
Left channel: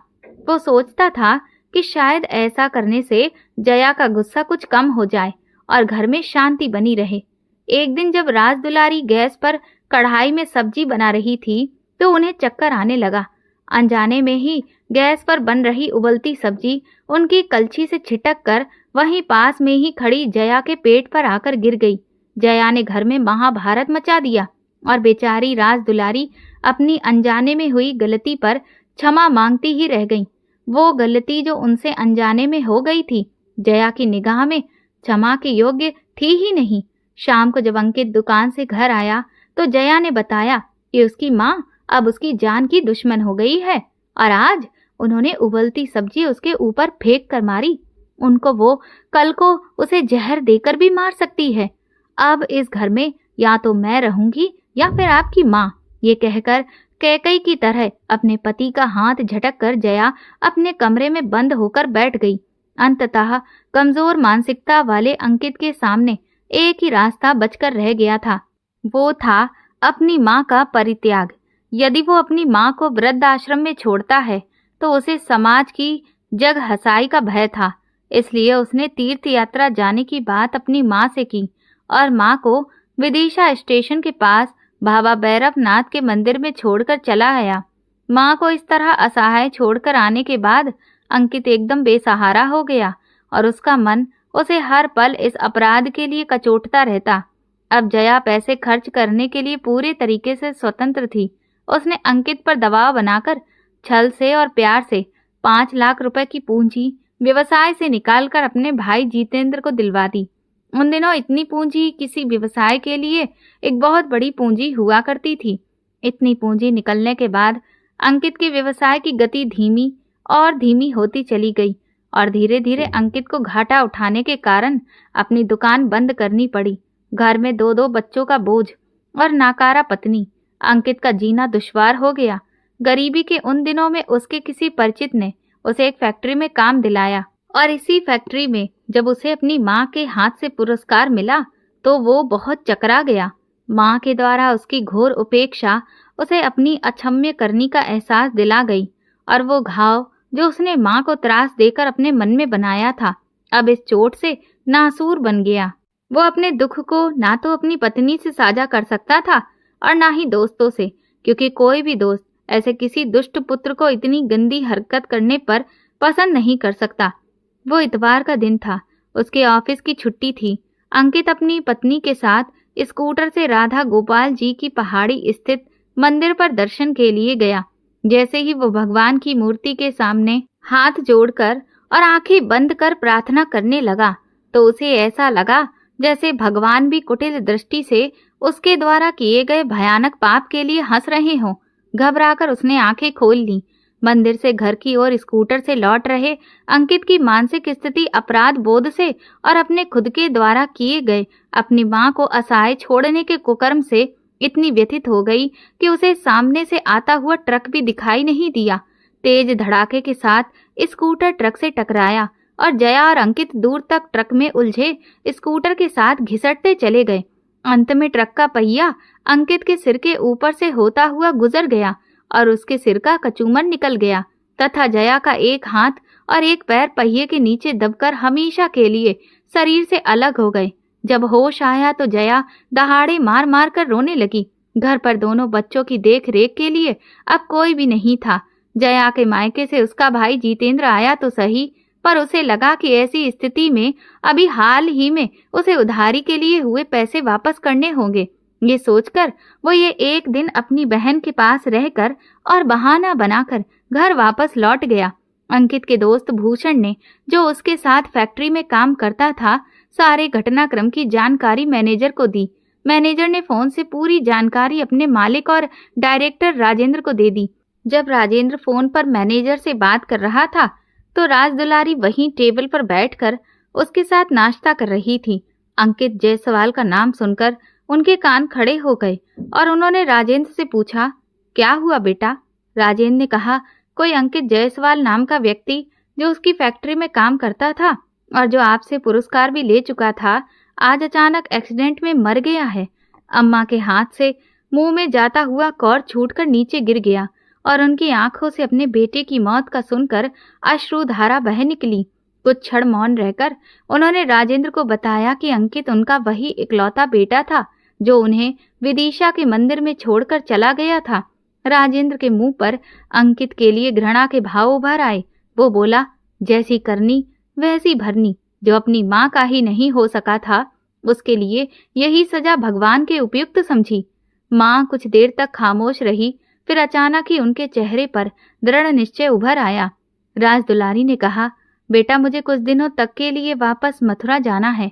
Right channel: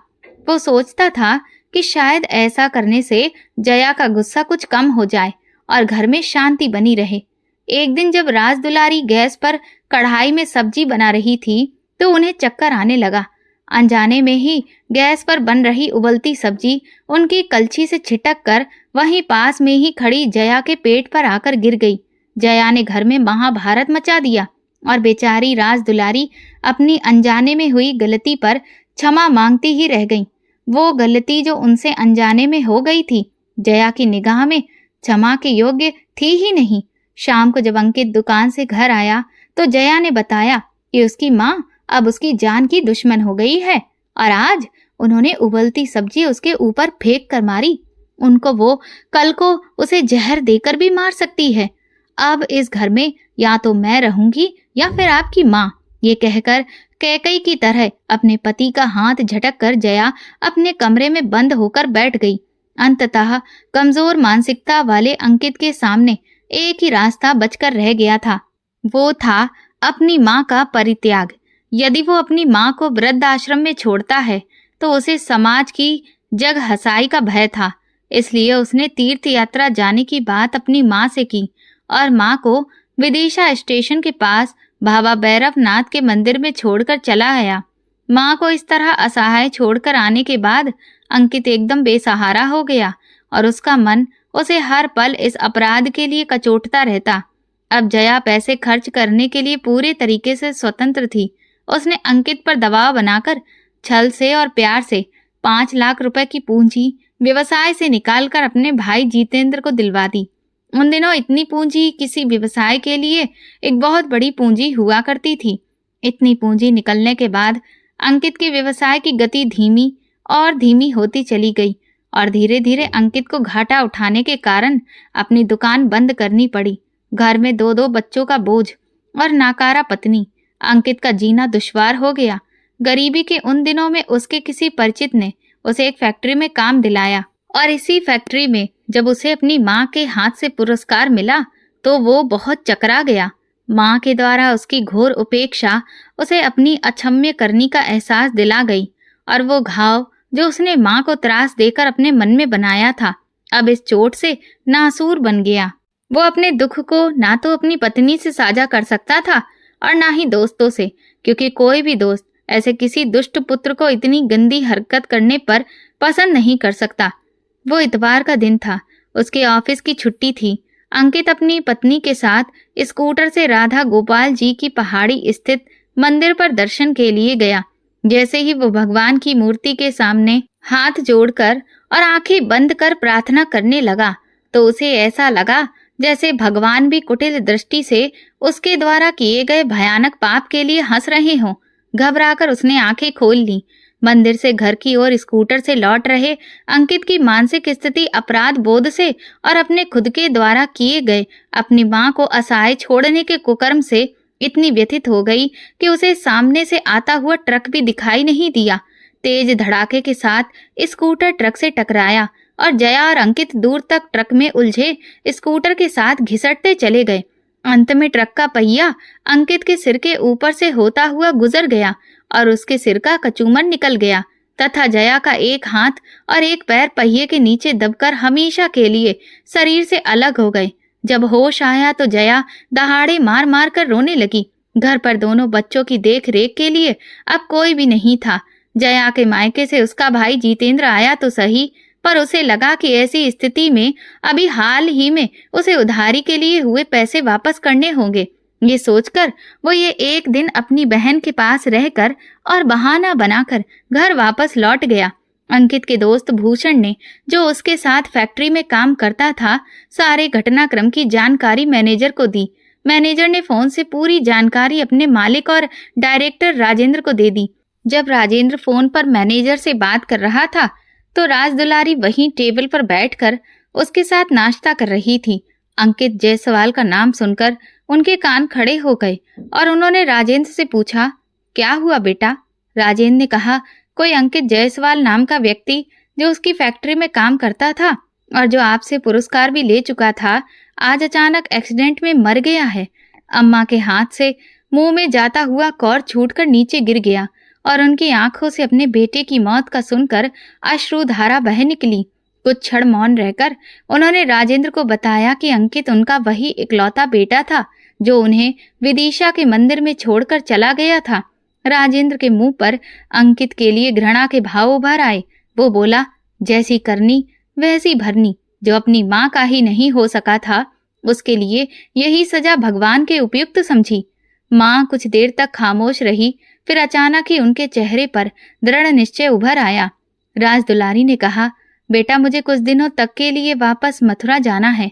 वो सोचता था कि शायद ऐसा करने से जया का गुस्सा कुछ कम हो जाए और घर में शांति बनी रहे। एक दिन जब राजदुलारी गैस पर कढ़ाई में सब्जी बना रही थी तो उन्हें चक्कर आने लगा। अनजाने में ही गैस पर बन रही उबलती सब्जी उनकी कलछी से छिटक कर वहीं पास में ही खड़ी जया के पेट पर आकर गिर गई। जया ने घर में महाभारत मचा दिया और बेचारी राजदुलारी अपनी अनजाने में हुई गलती पर क्षमा मांगती ही रह गई। वो गलती जो उनसे अनजाने में हो गई थी, जया की निगाह में क्षमा के योग्य थी ही नहीं। शाम को जब अंकित दुकान से घर आया तो जया ने बताया कि उसकी माँ अब उसकी जान की दुश्मन हो गई है और आज उन्होंने उबलती सब्जी उसके ऊपर फेंक कर मारी। उनको वो कल को उसे जहर देकर भी मार सकती है। अब इस घर में या तो मैं रहूंगी या फिर आपकी माँ। ये कहकर कैकई की तरह अपने पति का हाथ झटक कर जया अपने कमरे में बंद होकर बैठ गई। अंततः कमजोर मानसिकता वाले अंकित के सामने एक ही रास्ता बचकर रह गया था। वो था अपनी माँ का परित्याग। यदि वो अपनी माँ को वृद्ध आश्रम में छोड़ता है तो उसे समाज की जग हंसाई का भय था। इसलिए उसने तीर्थ यात्रा जाने की बात अपनी माँ से की और माँ को विदिशा स्टेशन के पास बाबा भैरवनाथ के मंदिर में छोड़कर चला गया। माँ को इस तरह असहाय छोड़कर आने के बाद अंकित एकदम बेसहारा हो गया और उसका मन उसे हर पल इस अपराध के लिए कचोटता रहता। अब जया पैसे खर्च करने के लिए पूरे तरीके से स्वतंत्र थी। उसने अंकित पर दबाव बनाकर छल से और प्यार से 5 लाख रुपए की पूंजी व्यवसाय से निकालकर अपने भाई जितेंद्र को दिलवा दी। उन दिनों इतनी पूंजी किसी व्यवसाय के लिए एक बहुत बड़ी पूंजी हुआ करती थी। इतनी पूंजी निकलने के बाद अंकित के व्यवसाय की गति धीमी और धीमी होती चली गई और धीरे धीरे अंकित को घाटा उठाने के कारण अपनी दुकान बंद करनी पड़ी। घर में 2-2 बच्चों का बोझ और नाकारा पत्नी, अंकित का जीना दुश्वार हो गया। गरीबी के उन दिनों में उसके किसी परिचित ने उसे एक फैक्ट्री में काम दिलाया और इसी फैक्ट्री में जब उसे अपनी माँ के हाथ से पुरस्कार मिला तो वो बहुत चकरा गया। माँ के द्वारा उसकी घोर उपेक्षा उसे अपनी अक्षम्य करनी का एहसास दिला गई और वो घाव जो उसने माँ को त्रास देकर अपने मन में बनाया था, अब इस चोट से नासूर बन गया। वो अपने दुख को ना तो अपनी पत्नी से साझा कर सकता था और ना ही दोस्तों से, क्योंकि कोई भी दोस्त ऐसे किसी दुष्ट पुत्र को इतनी गंदी हरकत करने पर पसंद नहीं कर सकता। वो इतवार का दिन था, उसके ऑफिस की छुट्टी थी। अंकित अपनी पत्नी के साथ स्कूटर से राधा गोपाल जी की पहाड़ी स्थित मंदिर पर दर्शन के लिए गया। जैसे ही वो भगवान की मूर्ति के सामने हाथ जोड़कर और आंखें बंद कर प्रार्थना करने लगा तो उसे ऐसा लगा जैसे भगवान भी कुटिल दृष्टि से उसके द्वारा किए गए भयानक पाप के लिए हंस रहे हों। घबराकर उसने आंखें खोल ली। मंदिर से घर की ओर स्कूटर से लौट रहे अंकित की मानसिक स्थिति अपराध बोध से और अपने खुद के द्वारा किए गए अपनी मां को असहाय छोड़ने के कुकर्म से इतनी व्यथित हो गई कि उसे सामने से आता हुआ ट्रक भी दिखाई नहीं दिया। तेज धड़ाके के साथ स्कूटर ट्रक से टकराया और जया और अंकित दूर तक ट्रक में उलझे स्कूटर के साथ घिसटते चले गए। अंत में ट्रक का पहिया अंकित के सिर के ऊपर से होता हुआ गुजर गया और उसके सिर का कचूमर निकल गया तथा जया का एक हाथ और एक पैर पहिए के नीचे दबकर हमेशा के लिए शरीर से अलग हो गए। जब होश आया तो जया दहाड़े मार मार कर रोने लगी। घर पर दोनों बच्चों की देख रेख के लिए अब कोई भी नहीं था। जया के मायके से उसका भाई जितेंद्र आया तो सही, पर उसे लगा कि ऐसी स्थिति में अभी हाल ही में उसे उधारी के लिए हुए पैसे वापस करने होंगे। ये सोचकर वो ये एक दिन अपनी बहन के पास रहकर और बहाना बनाकर घर वापस लौट गया। अंकित के दोस्त भूषण ने, जो उसके साथ फैक्ट्री में काम करता था, सारे घटनाक्रम की जानकारी मैनेजर को दी। मैनेजर ने फोन से पूरी जानकारी अपने मालिक और डायरेक्टर राजेंद्र को दे दी। जब राजेंद्र फोन पर मैनेजर से बात कर रहा था तो राज दुलारी वहीं टेबल पर बैठकर उसके साथ नाश्ता कर रही थी। अंकित जायसवाल का नाम सुनकर उनके कान खड़े हो गए और उन्होंने राजेंद्र से पूछा, क्या हुआ बेटा? राजेंद्र ने कहा, कोई अंकित जायसवाल नाम का व्यक्ति जो उसकी फैक्ट्री में काम करता था और जो आपसे पुरस्कार भी ले चुका था, आज अचानक एक्सीडेंट में मर गया है। अम्मा के हाथ से मुंह में जाता हुआ कौर छूटकर नीचे गिर गया और उनकी आंखों से अपने बेटे की मौत का सुनकर अश्रुधारा बह निकली। कुछ क्षण मौन रहकर उन्होंने राजेंद्र को बताया कि अंकित उनका वही इकलौता बेटा था जो उन्हें विदिशा के मंदिर में छोड़कर चला गया था। राजेंद्र के मुंह पर अंकित के लिए घृणा के भाव उभर आए। वो बोला, जैसी करनी वैसी भरनी। जो अपनी माँ का ही नहीं हो सका था, उसके लिए यही सजा भगवान के उपयुक्त समझी। माँ कुछ देर तक खामोश रही, फिर अचानक ही उनके चेहरे पर दृढ़ निश्चय उभर आया। राज दुलारी ने कहा, बेटा, मुझे कुछ दिनों तक के लिए वापस मथुरा जाना है।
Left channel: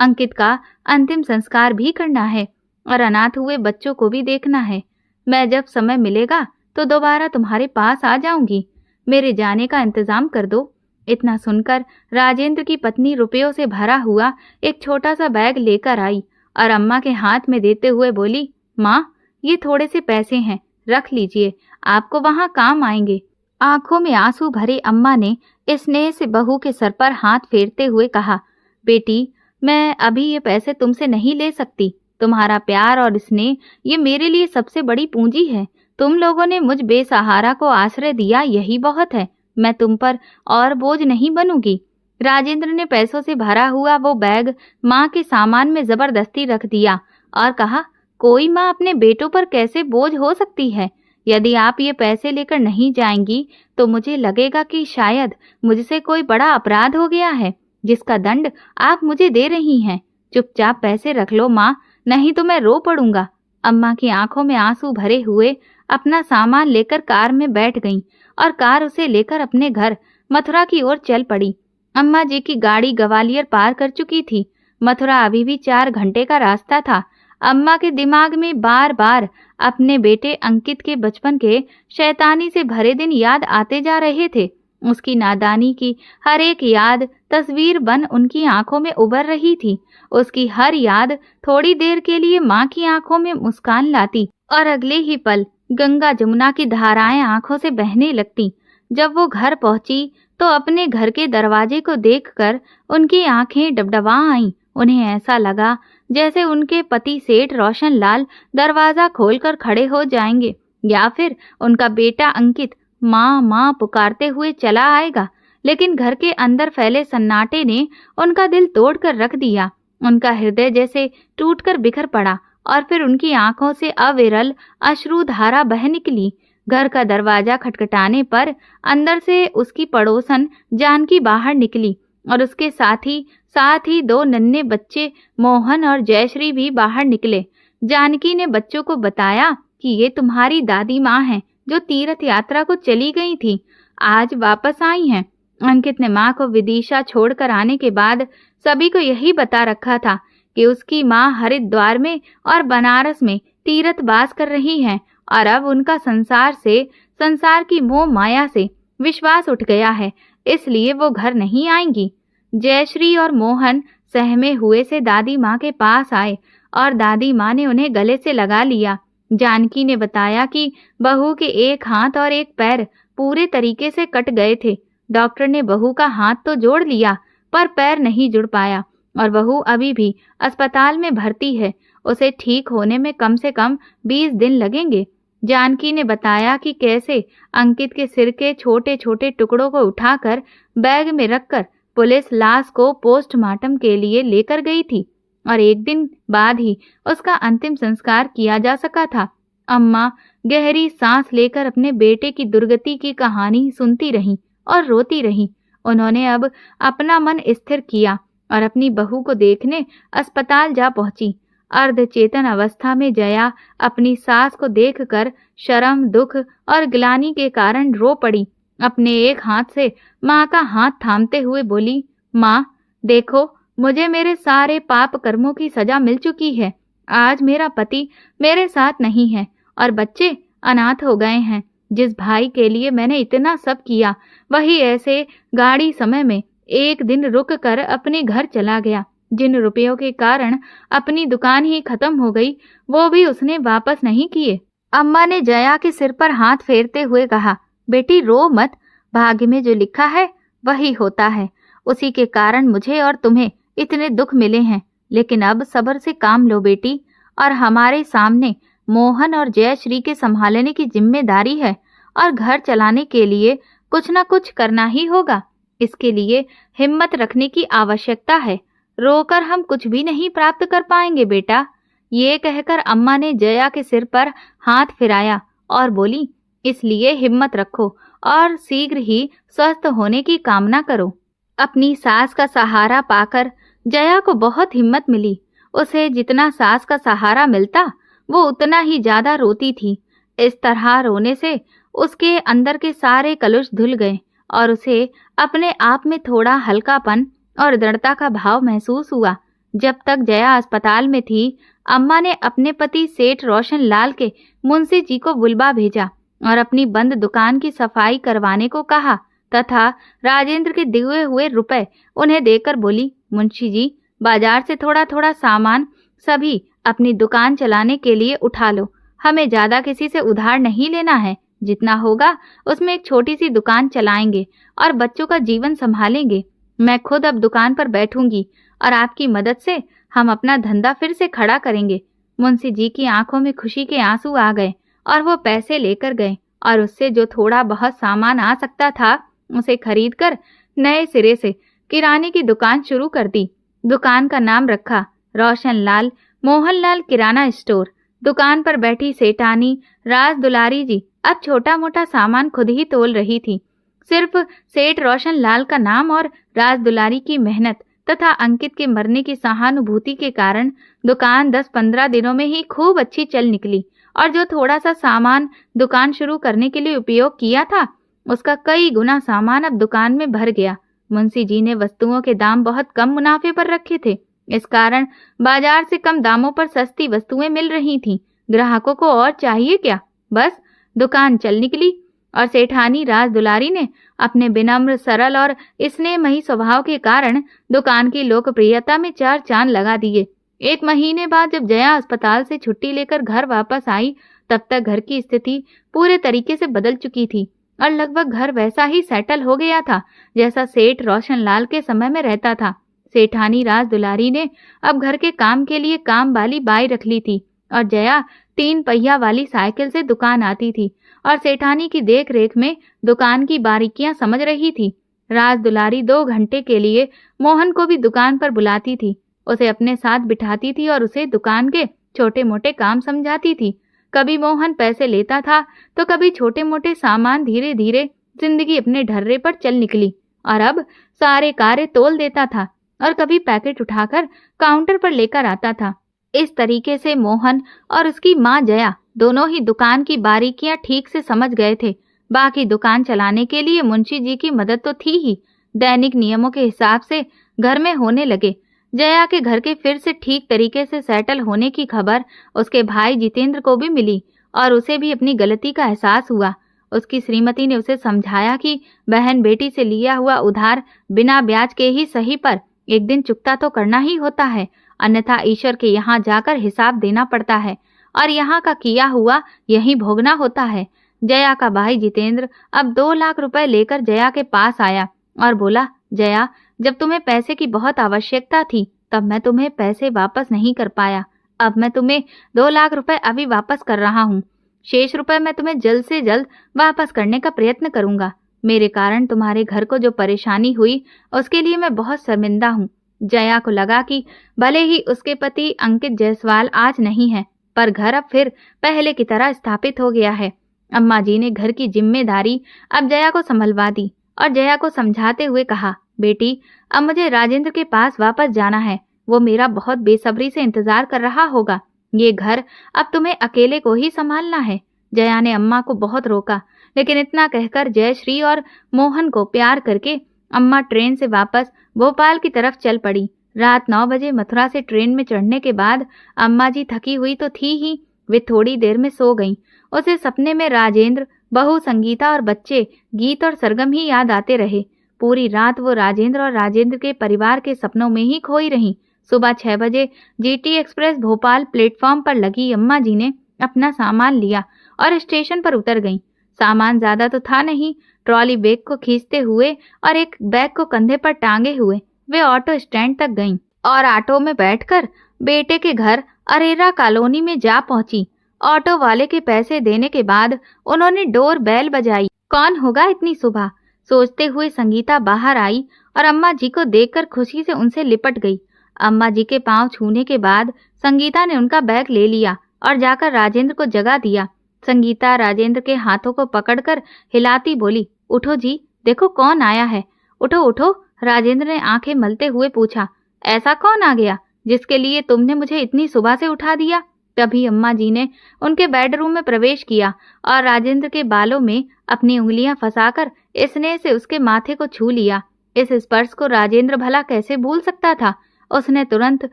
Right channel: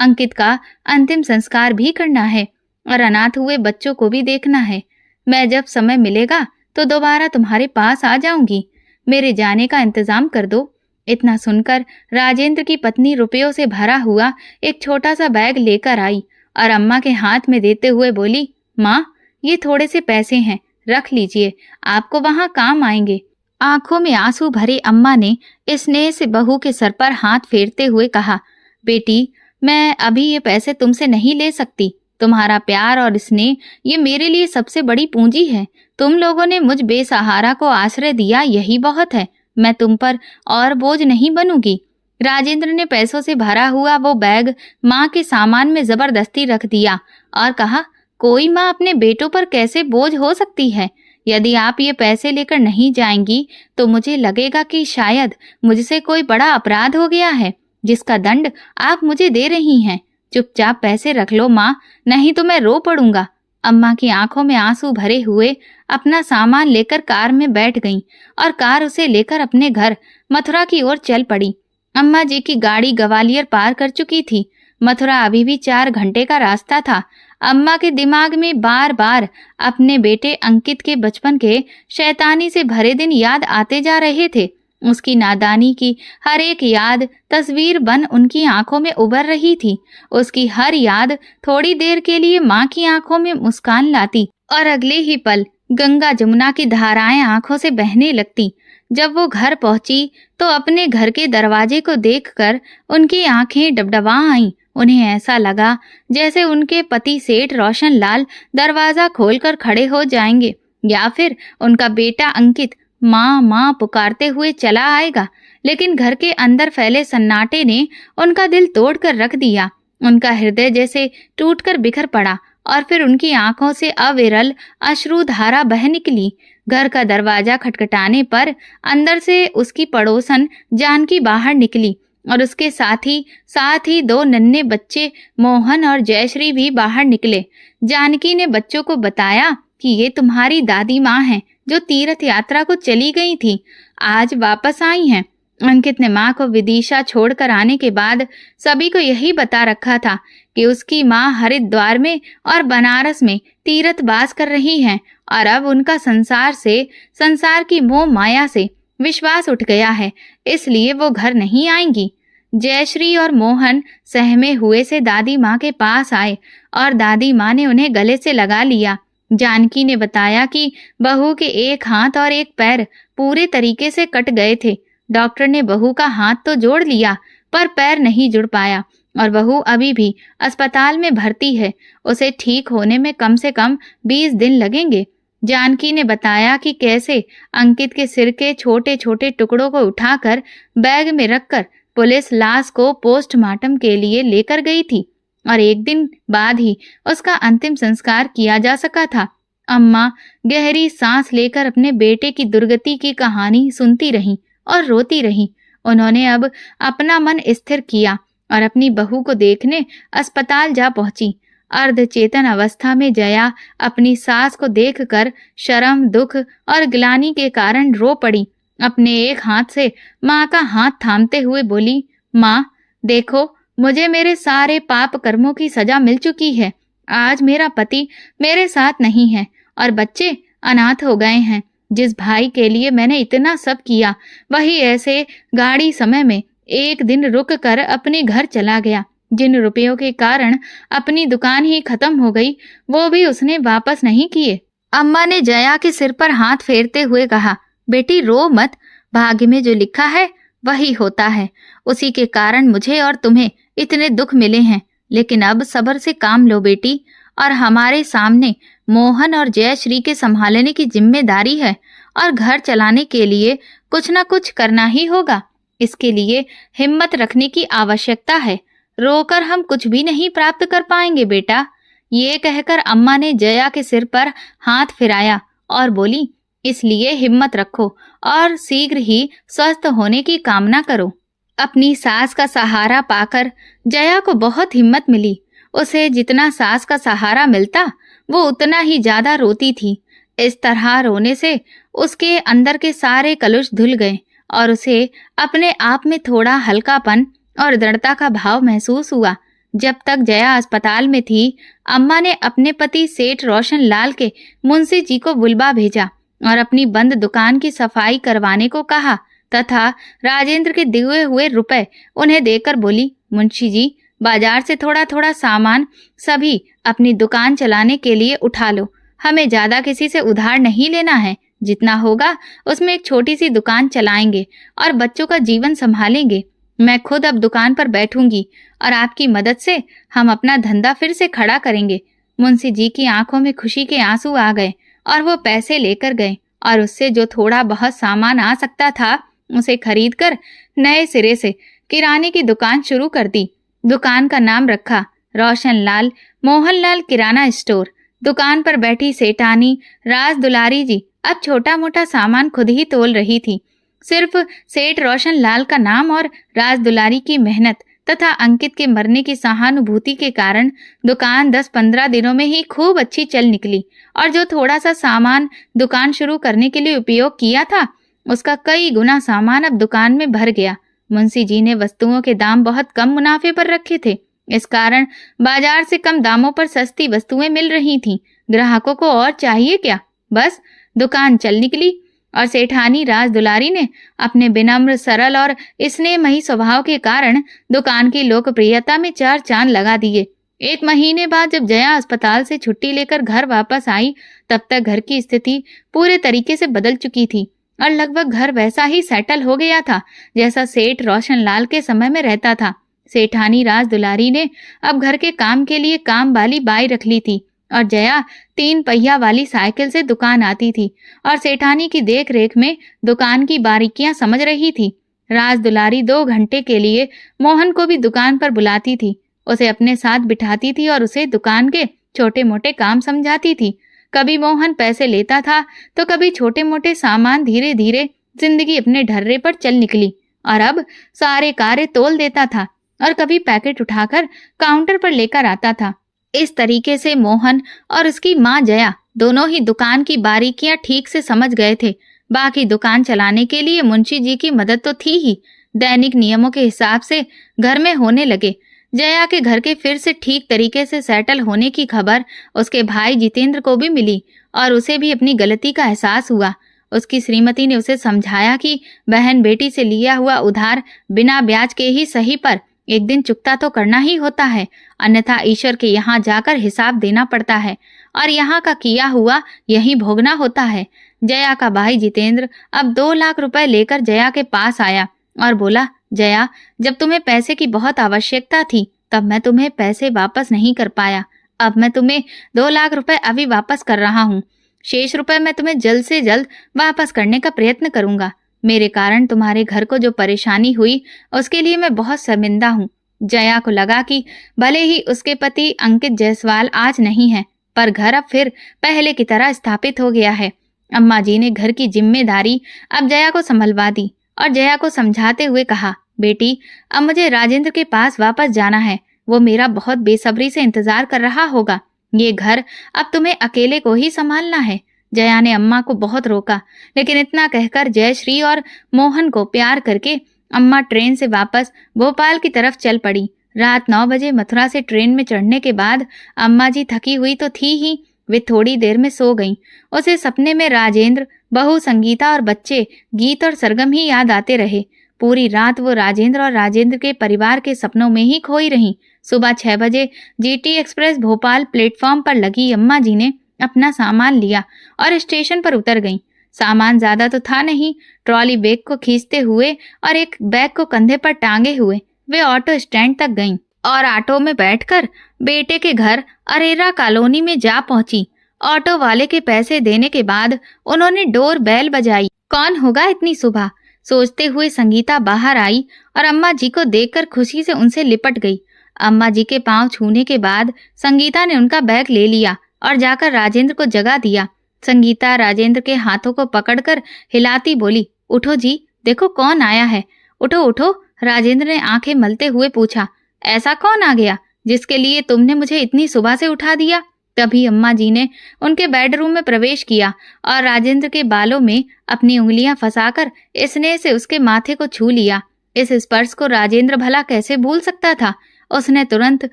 अंकित का अंतिम संस्कार भी करना है और अनाथ हुए बच्चों को भी देखना है। मैं जब समय मिलेगा तो दोबारा तुम्हारे पास आ जाऊंगी। मेरे जाने का इंतजाम कर दो। इतना सुनकर राजेंद्र की पत्नी रुपयों से भरा हुआ एक छोटा सा बैग लेकर आई और अम्मा के हाथ में देते हुए बोली, माँ, ये थोड़े से पैसे हैं, रख लीजिए, आपको वहाँ काम आएंगे। आंखों में आंसू भरे अम्मा ने स्नेह से बहू के सर पर हाथ फेरते हुए कहा, बेटी, मैं अभी ये पैसे तुमसे नहीं ले सकती। तुम्हारा प्यार और स्नेह ये मेरे लिए सबसे बड़ी पूंजी है। तुम लोगों ने मुझ बेसहारा को आश्रय दिया, यही बहुत है। मैं तुम पर और बोझ नहीं बनूंगी। राजेंद्र ने पैसों से भरा हुआ वो बैग माँ के सामान में जबरदस्ती रख दिया और कहा, कोई माँ अपने बेटों पर कैसे बोझ हो सकती है? यदि आप ये पैसे लेकर नहीं जाएंगी तो मुझे लगेगा कि शायद मुझसे कोई बड़ा अपराध हो गया है, जिसका दंड आप मुझे दे रही हैं। चुपचाप पैसे रख लो माँ, नहीं तो मैं रो पड़ूंगा। अम्मा की आंखों में आंसू भरे हुए अपना सामान लेकर कार में बैठ गईं और कार उसे लेकर अपने घर मथुरा की ओर चल पड़ी। अम्मा जी की गाड़ी ग्वालियर पार कर चुकी थी। मथुरा अभी भी 4 घंटे का रास्ता था। अम्मा के दिमाग में बार बार अपने बेटे अंकित के बचपन के शैतानी से भरे दिन याद आते जा रहे थे। उसकी नादानी की हर एक याद तस्वीर बन उनकी आंखों में उभर रही थी। उसकी हर याद थोड़ी देर के लिए माँ की आंखों में मुस्कान लाती और अगले ही पल गंगा जमुना की धाराएं आंखों से बहने लगती। जब वो घर पहुंची तो अपने घर के दरवाजे को देखकर उनकी आंखें डबडबा आईं। उन्हें ऐसा लगा जैसे उनके पति सेठ रोशन लाल दरवाजा खोलकर खड़े हो जाएंगे या फिर उनका बेटा अंकित माँ माँ पुकारते हुए चला आएगा। लेकिन घर के अंदर फैले सन्नाटे ने उनका दिल तोड़कर रख दिया। उनका हृदय जैसे टूटकर बिखर पड़ा और फिर उनकी आंखों से अविरल अश्रुधारा बह निकली। घर का दरवाजा खटखटाने पर अंदर से उसकी पड़ोसन जानकी बाहर निकली और उसके साथ ही 2 नन्हे बच्चे मोहन और जयश्री भी बाहर निकले। जानकी ने बच्चों को बताया कि ये तुम्हारी दादी माँ हैं, जो तीर्थ यात्रा को चली गई थी, आज वापस आई हैं। अंकित ने माँ को विदिशा छोड़कर आने के बाद सभी को यही बता रखा था कि उसकी माँ हरिद्वार में और बनारस में तीर्थवास कर रही हैं और अब उनका संसार की मोह माया से विश्वास उठ गया है, इसलिए वो घर नहीं आएंगी। जयश्री और मोहन सहमे हुए से दादी माँ के पास आए और दादी माँ ने उन्हें गले से लगा लिया। जानकी ने बताया कि बहू के एक हाथ और एक पैर पूरे तरीके से कट गए थे। डॉक्टर ने बहू का हाथ तो जोड़ लिया पर पैर नहीं जुड़ पाया और बहू अभी भी अस्पताल में भर्ती है। उसे ठीक होने में कम से कम 20 दिन लगेंगे। जानकी ने बताया कि कैसे अंकित के सिर के छोटे छोटे टुकड़ों को उठाकर बैग में रखकर पुलिस लाश को पोस्टमार्टम के लिए लेकर गई थी और 1 दिन बाद ही उसका अंतिम संस्कार किया जा सका था। अम्मा गहरी सांस लेकर अपने बेटे की दुर्गति की कहानी सुनती रहीं और रोती रहीं। उन्होंने अब अपना मन स्थिर किया और अपनी बहू को देखने अस्पताल जा पहुंची। अर्धचेतन अवस्था में जया अपनी सास को देखकर शर्म, दुख और ग्लानि के कारण रो पड़ी। अपने एक हाथ से माँ का हाथ थामते हुए बोली, माँ देखो, मुझे मेरे सारे पाप कर्मों की सजा मिल चुकी है। आज मेरा पति मेरे साथ नहीं है और बच्चे अनाथ हो गए हैं। जिस भाई के लिए मैंने इतना सब किया, वही ऐसे गाड़ी समय में एक दिन रुक कर अपने घर चला गया। जिन रुपयों के कारण अपनी दुकान ही खत्म हो गई, वो भी उसने वापस नहीं किए। अम्मा ने जया के सिर पर हाथ फेरते हुए कहा, बेटी रो मत, भाग्य में जो लिखा है वही होता है। उसी के कारण मुझे और तुम्हें इतने दुख मिले हैं, लेकिन अब सब्र से काम लो बेटी। और हमारे सामने मोहन और जयश्री के संभालने की जिम्मेदारी है और घर चलाने के लिए कुछ न कुछ करना ही होगा। इसके लिए हिम्मत रखने की आवश्यकता है। रोकर हम कुछ भी नहीं प्राप्त कर पाएंगे बेटा। ये कहकर अम्मा ने जया के सिर पर हाथ फिराया और बोली, इसलिए हिम्मत रखो और शीघ्र ही स्वस्थ होने की कामना करो। अपनी सास का सहारा पाकर जया को बहुत हिम्मत मिली। उसे जितना सास का सहारा मिलता, वो उतना ही ज्यादा रोती थी। इस तरह रोने से उसके अंदर के सारे कलुष धुल गए और उसे अपने आप में थोड़ा हल्कापन और दृढ़ता का भाव महसूस हुआ। जब तक जया अस्पताल में थी, अम्मा ने अपने पति सेठ रोशन लाल के मुंशी जी को बुलवा भेजा और अपनी बंद दुकान की सफाई करवाने को कहा तथा राजेंद्र के दिए हुए रुपए उन्हें देकर बोली, मुंशी जी, बाजार से थोड़ा थोड़ा सामान सभी अपनी दुकान चलाने के लिए उठा लो। हमें ज्यादा किसी से उधार नहीं लेना है। जितना होगा उसमें एक छोटी सी दुकान चलाएंगे और बच्चों का जीवन संभालेंगे। मैं खुद अब दुकान पर बैठूंगी और आपकी मदद से हम अपना धंधा फिर से खड़ा करेंगे। मुंशी जी की आंखों में खुशी के आंसू आ गए और वो पैसे लेकर गए और उससे जो थोड़ा बहुत सामान आ सकता था, उसे खरीदकर नए सिरे से किराने की दुकान शुरू कर दी। दुकान का नाम रखा रोशन लाल मोहनलाल किराना स्टोर। दुकान पर बैठी सेठानी राज दुलारी जी अब छोटा मोटा सामान खुद ही तोल रही थी। सिर्फ सेठ रोशन लाल का नाम और राज दुलारी की मेहनत तथा अंकित के मरने की सहानुभूति के कारण दुकान 10-15 दिनों में ही खूब अच्छी चल निकली और जो थोड़ा सा सामान दुकान शुरू करने के लिए उपयोग किया था, उसका कई गुना सामान अब दुकान में भर गया। मुंशी जी ने वस्तुओं के दाम बहुत कम मुनाफे पर रखे थे। इस कारण बाजार से कम दामों पर सस्ती वस्तुएं मिल रही थीं। ग्राहकों को और चाहिए क्या, बस दुकान चल निकली। और सेठानी राज दुलारी ने अपने विनम्र, सरल और स्नेहमयी स्वभाव के कारण दुकान की लोकप्रियता में 4 चांद लगा दिए। 1 महीने बाद जब जया अस्पताल से छुट्टी लेकर घर वापस आई, तब तक घर की स्थिति पूरे तरीके से बदल चुकी थी और लगभग घर वैसा ही सेटल हो गया था जैसा सेठ रोशन लाल के समय में रहता था। सेठानी राज दुलारी ने अब घर के काम के लिए काम वाली बाई रख ली थी और जया 3 पहिया वाली साइकिल से दुकान आती थी और सेठानी की देख रेख में दुकान की बारीकियां समझ रही थी। राज दुलारी 2 घंटे के लिए मोहन को भी दुकान पर बुलाती थी, उसे अपने साथ बिठाती थी और उसे दुकान के छोटे मोटे काम समझाती थी। कभी मोहन पैसे लेता था तो कभी छोटे मोटे सामान। धीरे धीरे जिंदगी अपने ढर्रे पर चल निकली और अब सारे कार्य तोल देता था और कभी पैकेट उठाकर काउंटर पर लेकर आता था। इस तरीके से मोहन और उसकी माँ जया दोनों ही दुकान की बारीकियां ठीक से समझ गए थे। बाकी दुकान चलाने के लिए मुंशी जी की मदद तो थी ही। दैनिक नियमों के हिसाब से घर में होने लगे। जया के घर के फिर से ठीक तरीके से सेटल होने की खबर उसके भाई जितेंद्र को भी मिली और उसे भी अपनी गलती का एहसास हुआ। उसकी श्रीमती ने उसे समझाया कि बहन बेटी से लिया हुआ उधार बिना ब्याज के ही सही पर एक दिन चुकता तो करना ही होता है, अन्यथा ईश्वर के यहाँ जाकर हिसाब देना पड़ता है और यहाँ का किया हुआ यही भोगना होता है। जया का भाई जितेंद्र अब 2 लाख रुपए लेकर जया के पास आया और बोला, जया, जब तुम्हें पैसे की बहुत आवश्यकता थी तब मैं तुम्हें पैसे वापस नहीं कर पाया। अब मैं तुम्हें 2 लाख रुपए अभी वापस कर रहा हूँ। शेष रुपए मैं तुम्हें जल्द से जल्द वापस करने का प्रयत्न करूंगा। मेरे कारण तुम्हारे घर को जो परेशानी हुई उसके लिए मैं बहुत शर्मिंदा हूँ। जया को लगा कि भले ही उसके पति अंकित जायसवाल आज नहीं है, पर घर अब फिर पहले की तरह स्थापित हो गया है। अम्मा जी ने घर की जिम्मेदारी अब जया को संभलवा दी और जया को समझाते हुए कहा, बेटी, अब मुझे राजेंद्र के पास वापस जाना है। वो मेरा बहुत बेसब्री से इंतजार कर रहा होगा। ये घर अब तुम्हें अकेले को ही संभालना है। जया ने अम्मा को बहुत रोका, लेकिन इतना कहकर जयश्री और मोहन को प्यार करके अम्मा ट्रेन से वापस भोपाल की तरफ चल पड़ी। रात 9 बजे मथुरा से ट्रेन में चढ़ने के बाद अम्मा जी थकी हुई तो थी ही, वे थोड़ी देर में सो गईं। उसे सपने में राजेंद्र, बहू संगीता और बच्चे गीत और सरगम ही याद आते रहे। पूरी रात वो राजेंद्र और राजेंद्र के परिवार के सपनों में ही खोई रहीं। सुबह 6 बजे जीटी एक्सप्रेस भोपाल प्लेटफॉर्म पर लगी अम्मा जी ने अपना सामान लिया और स्टेशन पर उतर गईं। सामान ज्यादा तो था नहीं। ट्रॉली बैग को खींचते हुए और एक बैग को कंधे पर टांगे हुए वे ऑटो स्टैंड तक गईं और ऑटो में बैठकर बेटे के घर अरेरा कॉलोनी में जा पहुंची। ऑटो वाले के पैसे देने के बाद उन्होंने डोर बेल बजाई। कौन होगा इतनी सुबह, सोचते हुए संगीता बाहर आई और अम्मा जी को देखकर खुशी से उनसे लिपट गई। अम्मा जी के पांव छूने के बाद संगीता ने उनका बैग ले लिया और जाकर राजेंद्र को जगा दिया। संगीता राजेंद्र के हाथों को पकड़कर हिलाती बोली, उठो जी, देखो कौन आया है, उठो उठो। राजेंद्र ने आंखें मलते हुए पूछा, ऐसा कौन आ गया जिसके लिए तुमने मुझे इतनी सुबह से उठा दिया? तभी अम्मा जी ने उनके बेडरूम में प्रवेश किया और राजेंद्र के बालों में अपनी उंगलियां फंसाकर स्नेह से उसके माथे को छू लिया। इस स्पर्श को राजेंद्र भला कैसे भूल सकता था। उसने तुरंत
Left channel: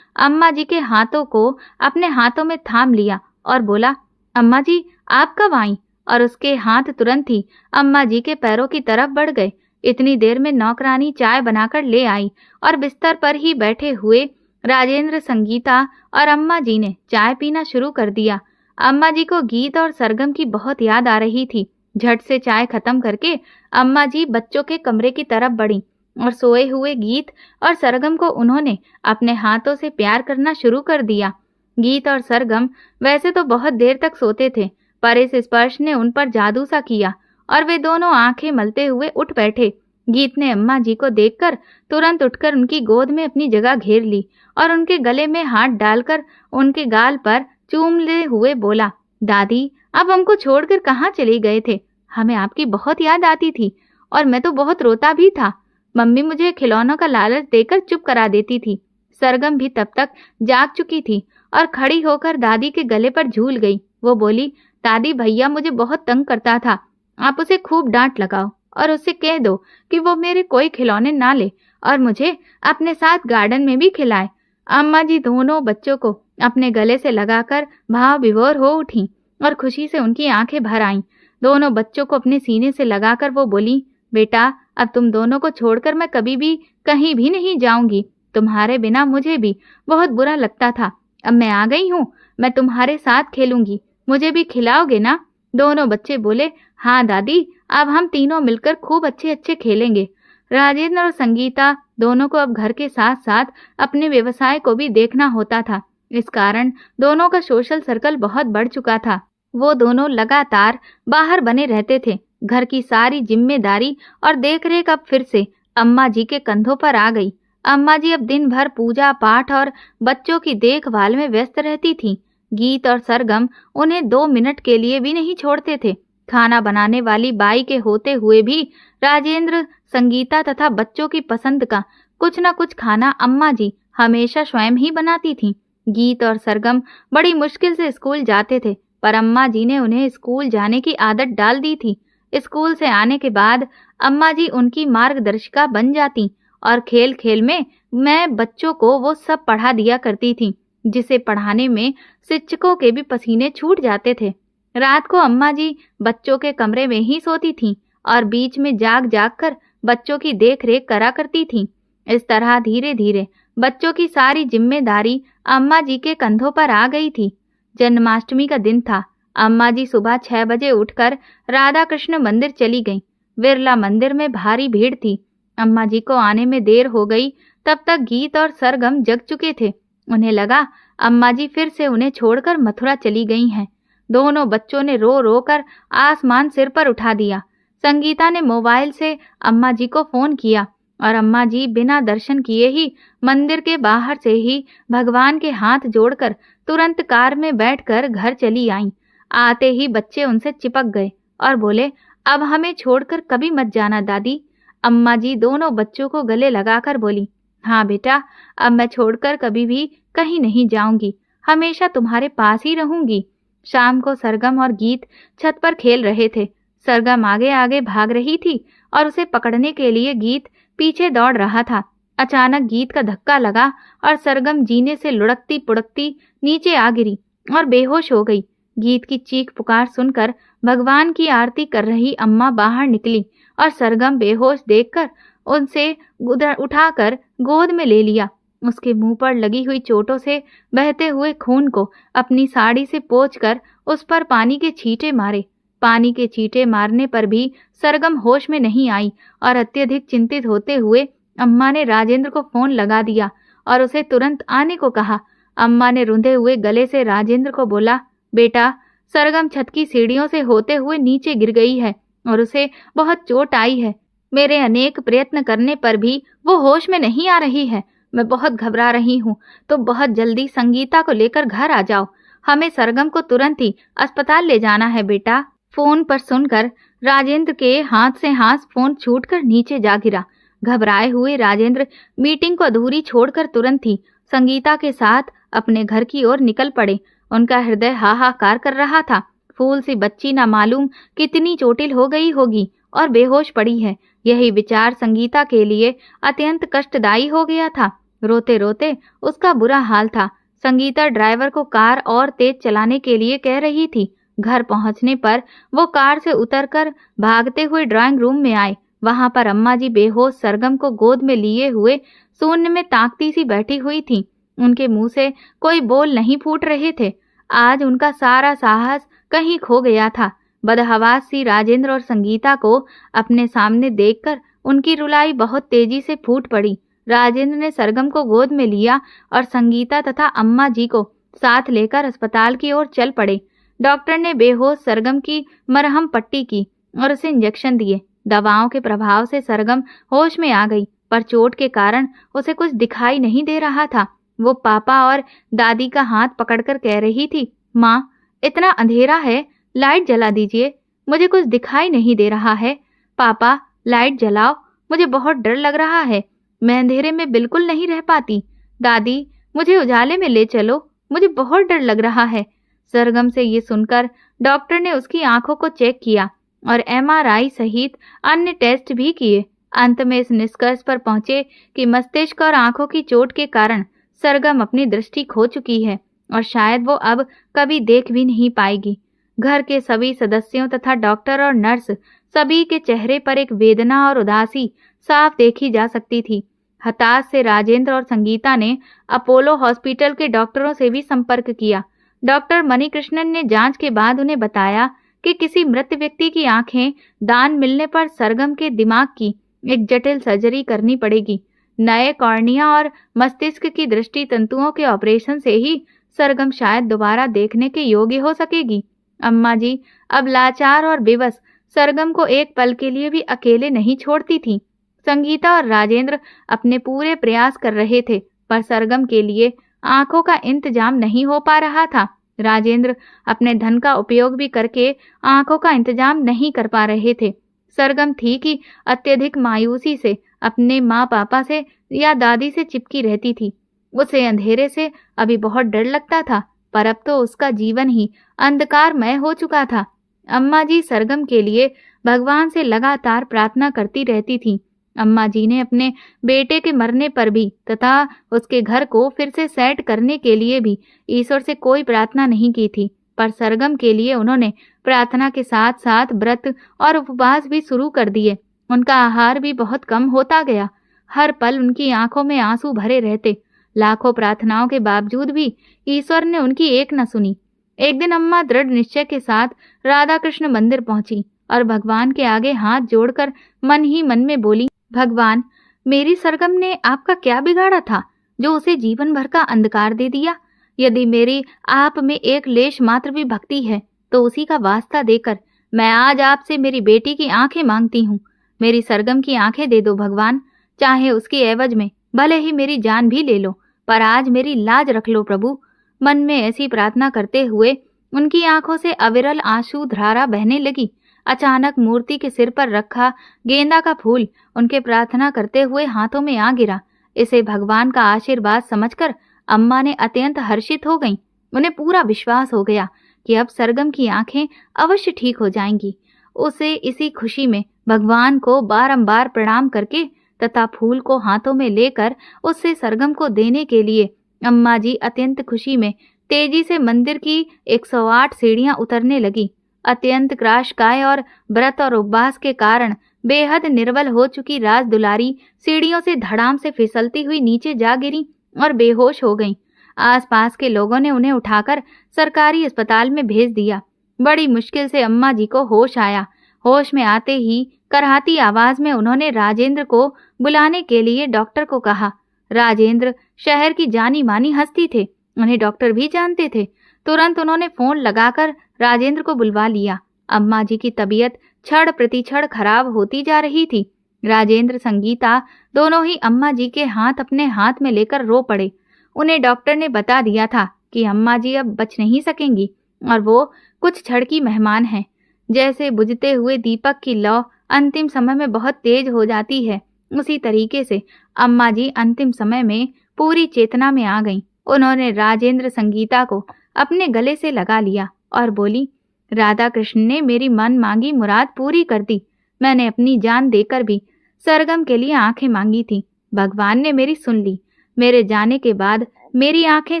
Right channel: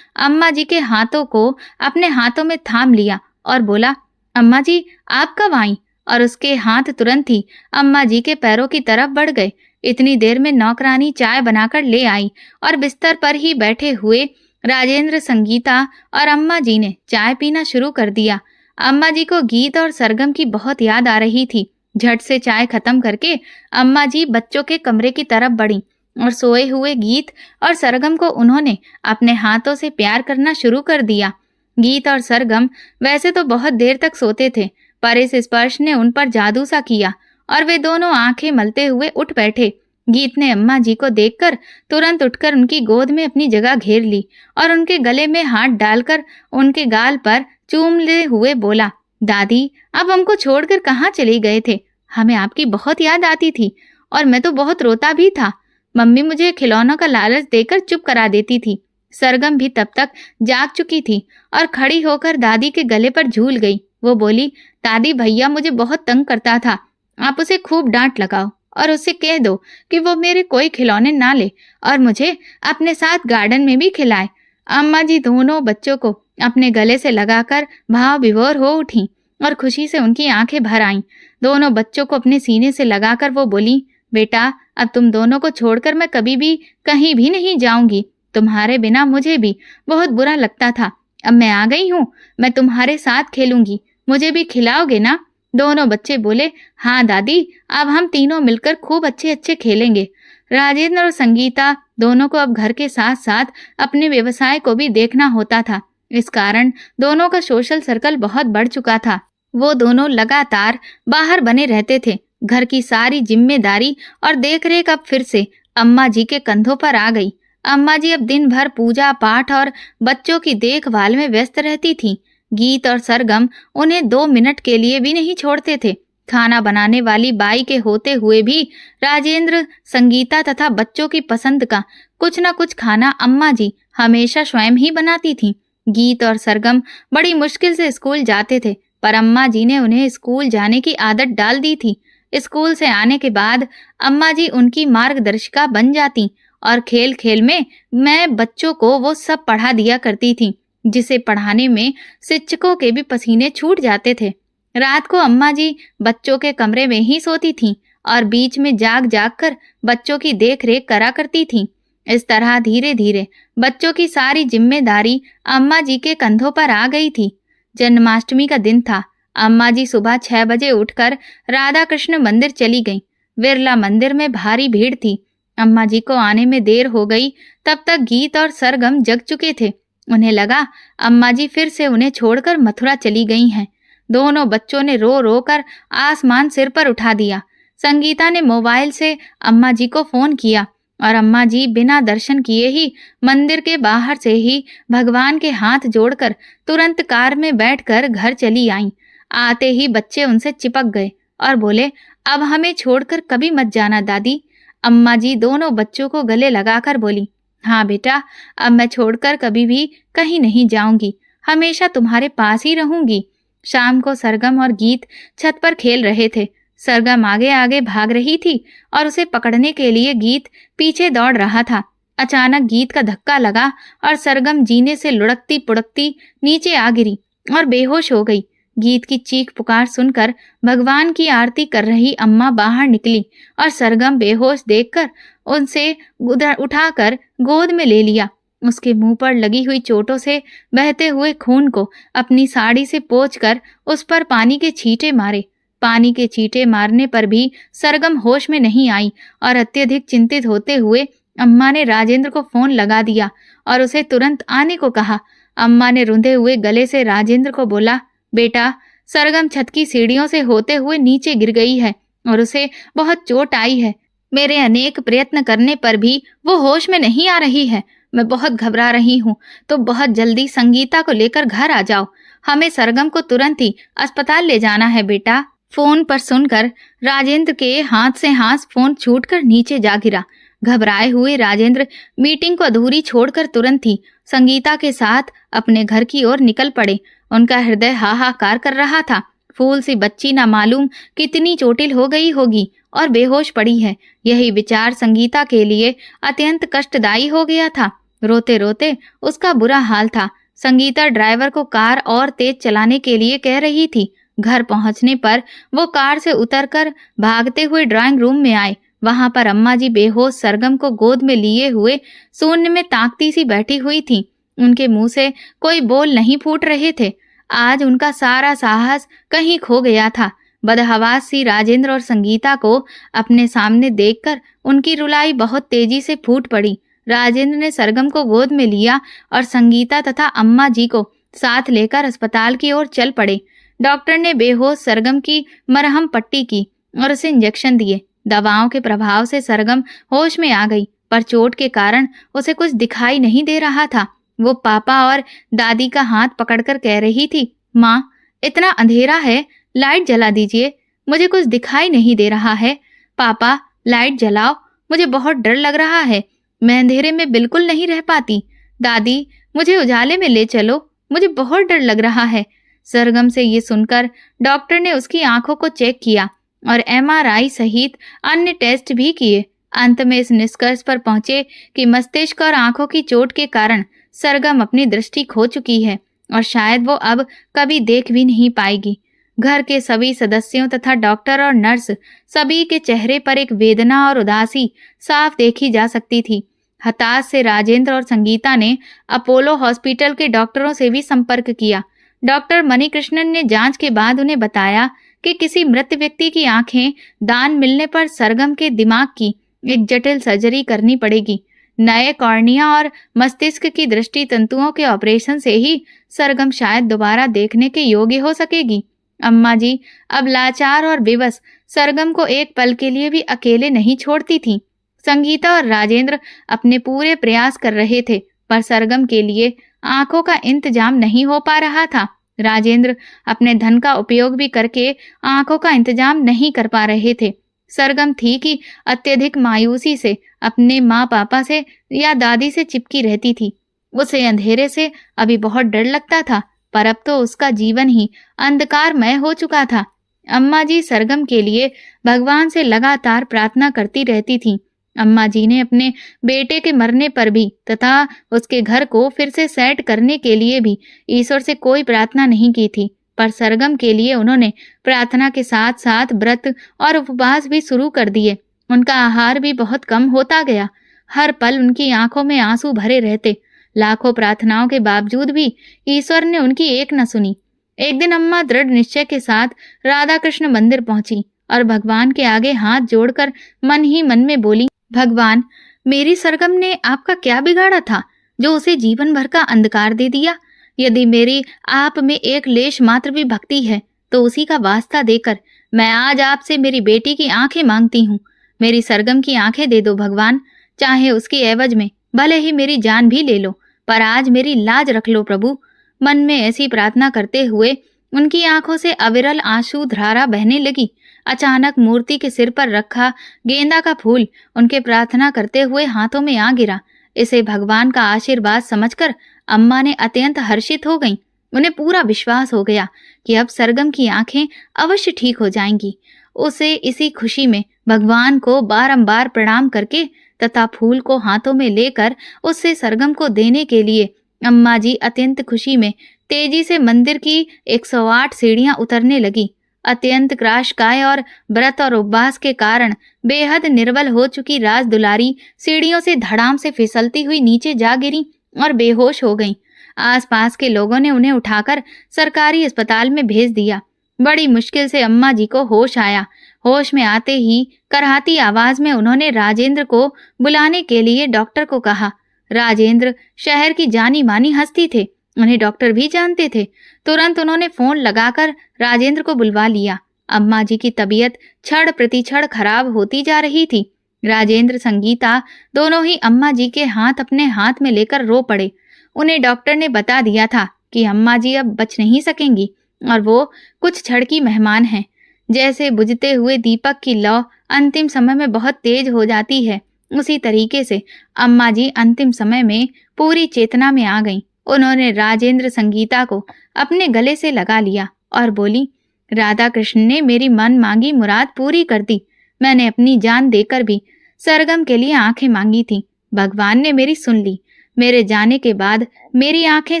अम्मा जी के हाथों को अपने हाथों में थाम लिया और बोला, अम्मा जी आप कब आई? और उसके हाथ तुरंत ही अम्मा जी के पैरों की तरफ बढ़ गए। इतनी देर में नौकरानी चाय बनाकर ले आई और बिस्तर पर ही बैठे हुए राजेंद्र, संगीता और अम्मा जी ने चाय पीना शुरू कर दिया। अम्मा जी को गीत और सरगम की बहुत याद आ रही थी। झट से चाय खत्म करके अम्मा जी बच्चों के कमरे की तरफ बढ़ी और सोए हुए गीत और सरगम को उन्होंने अपने हाथों से प्यार करना शुरू कर दिया। गीत और सरगम वैसे तो बहुत देर तक सोते थे, पर इस स्पर्श ने उन पर जादू सा किया और वे दोनों आंखें मलते हुए उठ बैठे। गीत ने अम्मा जी को देखकर तुरंत उठकर उनकी गोद में अपनी जगह घेर ली और उनके गले में हाथ डालकर उनके गाल पर चूमते हुए बोला, दादी अब हमको छोड़कर कहाँ चले गए थे? हमें आपकी बहुत याद आती थी और मैं तो बहुत रोता भी था। मम्मी मुझे खिलौनों का लालच देकर चुप करा देती थी। सरगम भी तब तक जाग चुकी थी और खड़ी होकर दादी के गले पर झूल गई। वो बोली, दादी भैया मुझे बहुत तंग करता था, आप उसे खूब डांट लगाओ और उससे कह दो कि वो मेरे कोई खिलौने ना ले और मुझे अपने साथ गार्डन में भी खिलाए। अम्मा जी दोनों बच्चों को अपने गले से लगाकर भाव विभोर हो उठी और खुशी से उनकी आंखें भर आईं। दोनों बच्चों को अपने सीने से लगाकर वो बोली, बेटा अब तुम दोनों को छोड़कर मैं कभी भी कहीं भी नहीं जाऊंगी। तुम्हारे बिना मुझे भी बहुत बुरा लगता था। अब मैं आ गई हूँ, मैं तुम्हारे साथ खेलूंगी, मुझे भी खिलाओगे ना? दोनों बच्चे बोले, हाँ दादी, अब हम तीनों मिलकर खूब अच्छे अच्छे खेलेंगे। राजेंद्र और संगीता दोनों को अब घर के साथ साथ अपने व्यवसाय को भी देखना होता था। इस कारण दोनों का सोशल सर्कल बहुत बढ़ चुका था। वो दोनों लगातार बाहर बने रहते थे। घर की सारी जिम्मेदारी और देखरेख अब फिर से अम्मा जी के कंधों पर आ गई। अम्मा जी अब दिन भर पूजा पाठ और बच्चों की देखभाल में व्यस्त रहती थीं। गीत और सरगम उन्हें 2 मिनट के लिए भी नहीं छोड़ते थे। खाना बनाने वाली बाई के होते हुए भी राजेंद्र, संगीता तथा बच्चों की पसंद का कुछ न कुछ खाना अम्मा जी हमेशा स्वयं ही बनाती थीं। गीत और सरगम बड़ी मुश्किल से स्कूल जाते थे, पर अम्मा जी ने उन्हें स्कूल जाने की आदत डाल दी थी। स्कूल से आने के बाद अम्मा जी उनकी मार्गदर्शिका बन जाती और खेल खेल में मैं बच्चों को वो सब पढ़ा दिया करती थी जिसे पढ़ाने में शिक्षकों के भी पसीने छूट जाते थे। रात को अम्मा जी बच्चों के कमरे में ही सोती थीं और बीच में जाग जाग कर बच्चों की देख रेख करा करती थीं। इस तरह धीरे धीरे बच्चों की सारी जिम्मेदारी अम्मा जी के कंधों पर आ गई थी। जन्माष्टमी का दिन था। अम्मा जी सुबह 6 बजे उठकर राधा कृष्ण मंदिर चली गईं। बिरला मंदिर में भारी भीड़ थी। अम्मा जी को आने में देर हो गई। तब तक गीत और सरगम जग चुके थे। उन्हें लगा अम्मा जी फिर से उन्हें छोड़कर मथुरा चली गई हैं। दोनों बच्चों ने रो रो कर आसमान सिर पर उठा दिया। संगीता ने मोबाइल से अम्मा जी को फोन किया और अम्मा जी बिना दर्शन किए ही मंदिर के बाहर से ही भगवान के हाथ जोड़कर तुरंत कार में बैठकर घर चली आईं। आते ही बच्चे उनसे चिपक गए और बोले, अब हमें छोड़कर कभी मत जाना दादी। अम्मा जी दोनों बच्चों को गले लगाकर बोली, हाँ बेटा, अब मैं छोड़कर कभी भी कहीं नहीं जाऊंगी, हमेशा तुम्हारे पास ही रहूंगी। शाम को सरगम और गीत छत पर खेल रहे थे। सरगम आगे आगे भाग रही थी और उसे पकड़ने के लिए गीत पीछे दौड़ रहा था। अचानक गीत का धक्का लगा और सरगम जीने से लुढ़कती पुढ़कती नीचे आ गिरी और बेहोश हो गई। गीत की चीख पुकार सुनकर भगवान की आरती कर रही अम्मा बाहर निकली और सरगम बेहोश देखकर उनसे उठाकर गोद में ले लिया। उसके मुंह पर लगी हुई चोटों से बहते हुए खून को अपनी साड़ी से पोंछकर उस पर पानी के छींटे मारे। पानी के छींटे मारने पर भी सरगम होश में नहीं आई और अत्यधिक चिंतित होते हुए अम्मा ने राजेंद्र को फोन लगा दिया और उसे तुरंत आने को कहा। अम्मा ने रुंधे हुए गले से राजेंद्र को बोला, बेटा, सरगम छत की सीढ़ियों से होते हुए नीचे गिर गई है और उसे बहुत चोट आई है। मेरे अनेक प्रयत्न करने पर भी वो होश में नहीं आ रही है। मैं बहुत घबरा रही हूँ, तो बहुत जल्दी संगीता को लेकर घर आ जाओ। हमें सरगम को तुरंत ही अस्पताल ले जाना है बेटा। फोन पर सुनकर राजेंद्र के हाथ से हाथ फोन छूटकर नीचे जा गिरा। घबराए हुए राजेंद्र मीटिंग को अधूरी छोड़कर तुरंत ही संगीता के साथ अपने घर की ओर निकल पड़े। उनका हृदय हाहाकार कर रहा था। फूल सी बच्ची ना मालूम कितनी चोटिल हो गई होगी और बेहोश पड़ी है। यही विचार संगीता के लिए अत्यंत कष्टदायी हो गया था। रोते रोते उसका बुरा हाल था। संगीता ड्राइवर को कार और तेज चलाने के लिए कह रही थी। घर पहुंचने पर वो कार से उतरकर भागते हुए ड्राइंग रूम में आए। वहां पर अम्मा जी बेहोश सरगम को गोद में लिए हुए शून्य में ताकती सी बैठी हुई थी। उनके मुंह से कोई बोल नहीं फूट रहे थे। आज उनका सारा साहस कहीं खो गया था। बदहवास सी राजेंद्र और संगीता को अपने सामने देखकर उनकी रुलाई बहुत तेजी से फूट पड़ी। राजेंद्र ने सरगम को गोद में लिया और संगीता तथा अम्मा जी को साथ लेकर अस्पताल की ओर चल पड़े। डॉक्टर ने बेहोश सरगम की मरहम पट्टी की और उसे इंजेक्शन दिए। दवाओं के प्रभाव से सरगम होश में आ गई, पर चोट के कारण उसे कुछ दिखाई नहीं दे रहा था। वो पापा और दादी का हाथ पकड़कर कह रही थी, माँ, इतना अंधेरा है, लाइट जला दीजिए, मुझे कुछ दिखाई नहीं दे रहा है। पापा, लाइट जलाओ, मुझे बहुत डर लग रहा है, मैं अंधेरे में बिल्कुल नहीं रह पाती। दादी, मुझे उजाले में ले चलो, मुझे बहुत डर लग रहा है। सरगम से ये सुनकर डॉक्टर ने उसकी आंखों को चेक किया और एमआरआई सहित अन्य टेस्ट भी किए। अंत में इस निष्कर्ष पर पहुंचे कि मस्तिष्क और आंखों की चोट के कारण सरगम अपनी दृष्टि खो चुकी है और शायद वो अब कभी देख भी नहीं पाएगी। घर के सभी सदस्यों तथा डॉक्टर और नर्स सभी के चेहरे पर एक वेदना और उदासी साफ देखी जा सकती थी। हताश से राजेंद्र और संगीता ने अपोलो हॉस्पिटल के डॉक्टरों से भी संपर्क किया। डॉक्टर मणिकृष्णन ने जांच के बाद उन्हें बताया कि किसी मृत व्यक्ति की आंखें दान मिलने पर सरगम के दिमाग की एक जटिल सर्जरी करनी पड़ेगी। नए कॉर्निया और मस्तिष्क की दृष्टि तंतुओं के ऑपरेशन से ही सरगम शायद दोबारा देखने के योग्य हो सकेगी। अम्मा जी अब लाचार और बेबस सरगम को एक पल के लिए भी अकेले नहीं छोड़ती थी। संगीता और राजेंद्र अपने पूरे प्रयास कर रहे थे, पर सरगम के लिए आंखों का इंतजाम नहीं हो पा रहा था। राजेंद्र अपने धन का उपयोग भी करके आंखों का इंतजाम नहीं कर पा रहे थे। सरगम थी कि अत्यधिक मायूसी से अपने माँ पापा से या दादी से चिपकी रहती थी। उसे अंधेरे से अभी बहुत डर लगता था, पर अब तो उसका जीवन ही अंधकारमय हो चुका था। अम्मा जी सरगम के लिए भगवान से लगातार प्रार्थना करती रहती थीं। अम्मा जी ने अपने बेटे के मरने पर भी तथा उसके घर को फिर से सेट करने के लिए भी ईश्वर से कोई प्रार्थना नहीं की थी, पर सरगम के लिए उन्होंने प्रार्थना के साथ साथ व्रत और उपवास भी शुरू कर दिए। उनका आहार भी बहुत कम होता गया। हर पल उनकी आंखों में आंसू भरे रहते। लाखों प्रार्थनाओं के बावजूद भी ईश्वर ने उनकी एक न सुनी। एक दिन अम्मा दृढ़ निश्चय के साथ राधा कृष्ण मंदिर पहुंची और भगवान के आगे हाथ जोड़कर मन ही मन में बोली, भगवान, मेरी सरगम ने आपका क्या बिगाड़ा था जो उसे जीवन भर का अंधकार दे दिया? यदि मेरी आप में एक लेश मात्र भी भक्ति है तो उसी का वास्ता देकर मैं आज आपसे मेरी बेटी की आंखें मांगती हूँ। मेरी सरगम की आंखें दे दो भगवान, चाहे उसकी एवज में भले ही मेरी जान भी ले लो, पर आज मेरी लाज रख लो प्रभु। मन में ऐसी प्रार्थना करते हुए उनकी आंखों से अविरल आंसू धारा बहने लगी। अचानक मूर्ति के सिर पर रखा गेंदा का फूल उनके प्रार्थना करते हुए हाथों में आ गिरा। इसे भगवान का आशीर्वाद समझकर अम्मा ने अत्यंत हर्षित हो गईं। उन्हें पूरा विश्वास हो गया कि अब सरगम की आंखें अवश्य ठीक हो जाएंगी। उसे इसी खुशी में भगवान को बारंबार प्रणाम करके तथा फूल को हाथों में लेकर उससे सरगम को देने के लिए अम्मा जी अत्यंत खुशी में तेजी से मंदिर की 108 सीढ़ियां उतरने लगी। अत्यंत क्राशकाय और व्रत और उपवास के कारण बेहद निर्बल हो चुकी राज दुलारी सीढ़ियों से धड़ाम से फिसलती हुई नीचे जा गिरी और बेहोश हो गईं। आसपास के लोगों ने उन्हें उठाकर सरकारी अस्पताल में भेज दिया। बड़ी मुश्किल से अम्मा जी को होश आया। होश में आते ही करहाती आवाज में उन्होंने राजेंद्र को बुलाने के लिए डॉक्टर को कहा। राजेंद्र शहर की जानी मानी हस्ती थे, उन्हें डॉक्टर भी जानते थे। तुरंत उन्होंने फोन लगाकर राजेंद्र को बुलवा लिया। अम्मा जी की तबीयत क्षण प्रतिक्षण खराब होती जा रही थी। राजेंद्र संगीता दोनों ही अम्मा जी के हाथ अपने हाथ में लेकर रो पड़े। उन्हें डॉक्टर ने बता दिया था कि अम्मा जी अब बच नहीं सकेंगी और वो कुछ क्षण की मेहमान हैं। जैसे बुझते हुए दीपक की लौ अंतिम समय में बहुत तेज हो जाती है, उसी तरीके से अम्मा जी अंतिम समय में पूरी चेतना में आ गईं। उन्होंने राजेंद्र संगीता को अपने गले से लगा लिया और बोली, राधा कृष्ण ने मेरी मन मांगी मुराद पूरी कर दी। मैंने अपनी जान देकर भी सरगम के लिए आंखें मांगी थी, भगवान ने मेरी सुन ली। मेरे जाने के बाद मेरी आंखें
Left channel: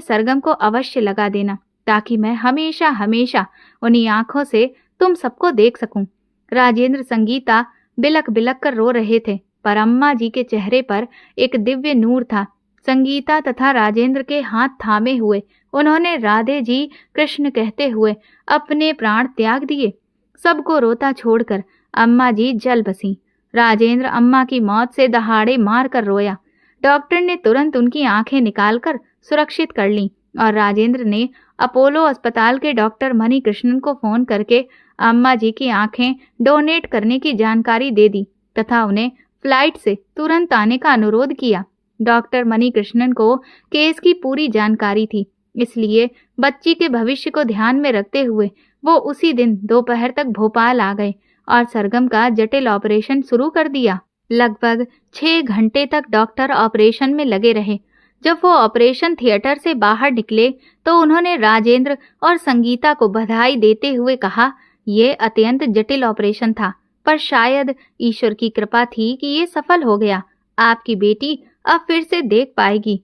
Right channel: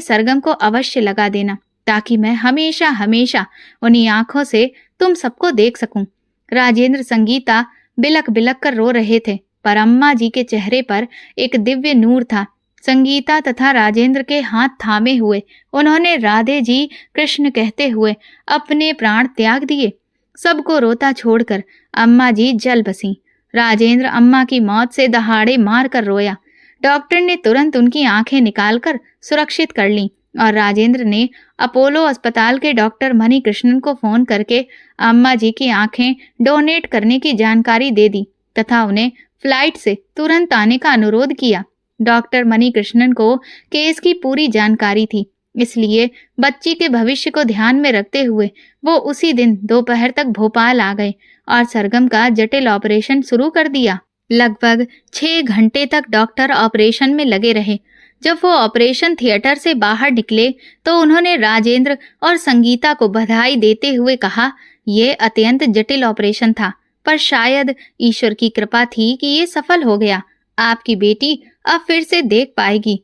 सरगम को अवश्य लगा देना, ताकि मैं हमेशा हमेशा उन्हीं आंखों से तुम सबको देख सकूं। राजेंद्र संगीता बिलक बिलक कर रो रहे थे, पर अम्मा जी के चेहरे पर एक दिव्य नूर था। संगीता तथा राजेंद्र के हाथ थामे हुए उन्होंने राधे जी कृष्ण कहते हुए अपने प्राण त्याग दिए। सबको रोता छोड़कर अम्मा जी जल बसी। राजेंद्र अम्मा की मौत से दहाड़े मार कर रोया। डॉक्टर ने तुरंत उनकी आंखें निकालकर सुरक्षित कर लीं और राजेंद्र ने अपोलो अस्पताल के डॉक्टर मणि कृष्णन को फोन करके अम्मा जी की आंखें डोनेट करने की जानकारी दे दी तथा उन्हें फ्लाइट से तुरंत आने का अनुरोध किया। डॉक्टर मणि कृष्णन को केस की पूरी जानकारी थी, इसलिए बच्ची के भविष्य को ध्यान में रखते हुए वो उसी दिन दोपहर तक भोपाल आ गए और सरगम का जटिल ऑपरेशन शुरू कर दिया। लगभग 6 घंटे तक डॉक्टर ऑपरेशन में लगे रहे। जब वो ऑपरेशन थिएटर से बाहर निकले तो उन्होंने राजेंद्र और संगीता को बधाई देते हुए कहा, ये अत्यंत जटिल ऑपरेशन था, पर शायद ईश्वर की कृपा थी कि ये सफल हो गया। आपकी बेटी अब फिर से देख पाएगी।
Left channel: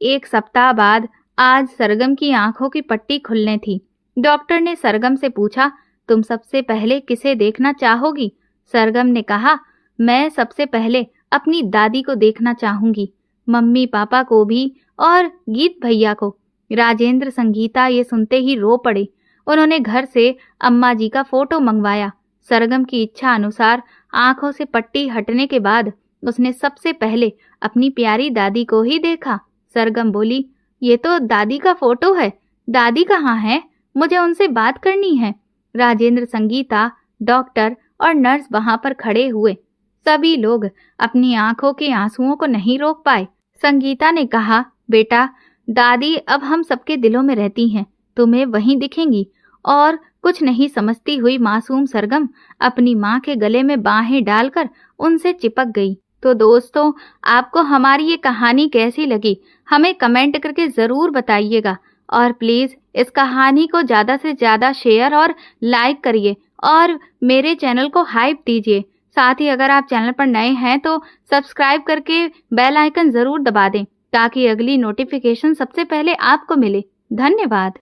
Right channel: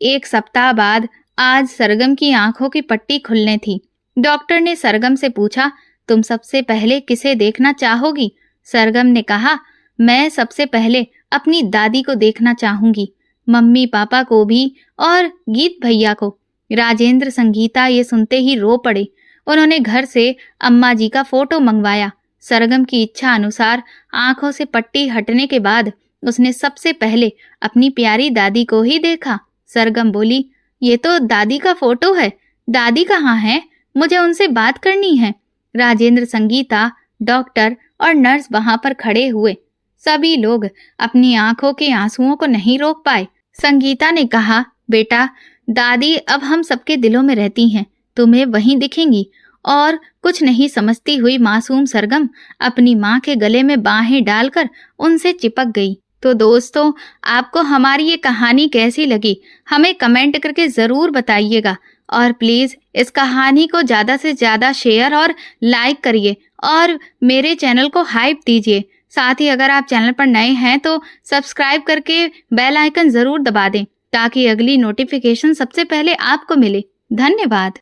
1 सप्ताह बाद आज सरगम की आंखों की पट्टी खुलने थी। डॉक्टर ने सरगम से पूछा, तुम सबसे पहले किसे देखना चाहोगी? सरगम ने कहा, मैं सबसे पहले अपनी दादी को देखना चाहूंगी, मम्मी पापा को भी और गीत भैया को। राजेंद्र संगीता ये सुनते ही रो पड़े। उन्होंने घर से अम्मा जी का फोटो मंगवाया। सरगम की इच्छा अनुसार आंखों से पट्टी हटने के बाद उसने सबसे पहले अपनी प्यारी दादी को ही देखा। सरगम बोली, ये तो दादी का फोटो है, दादी कहाँ है? मुझे उनसे बात करनी है। राजेंद्र संगीता, डॉक्टर और नर्स वहां पर खड़े हुए। सभी लोग अपनी आंखों के आंसुओं को नहीं रोक पाए। संगीता ने कहा, बेटा, दादी अब हम सबके दिलों में रहती हैं, तुम्हें वहीं दिखेंगी। और कुछ नहीं समझती हुई मासूम सरगम अपनी माँ के गले में बाहें डालकर उनसे चिपक गई। तो दोस्तों, आपको हमारी ये कहानी कैसी लगी हमें कमेंट करके ज़रूर बताइएगा और प्लीज़ इस कहानी को ज़्यादा से ज़्यादा शेयर और लाइक करिए और मेरे चैनल को हाइप दीजिए। साथ ही अगर आप चैनल पर नए हैं तो सब्सक्राइब करके बेल आइकन ज़रूर दबा दें ताकि अगली नोटिफिकेशन सबसे पहले आपको मिले। धन्यवाद।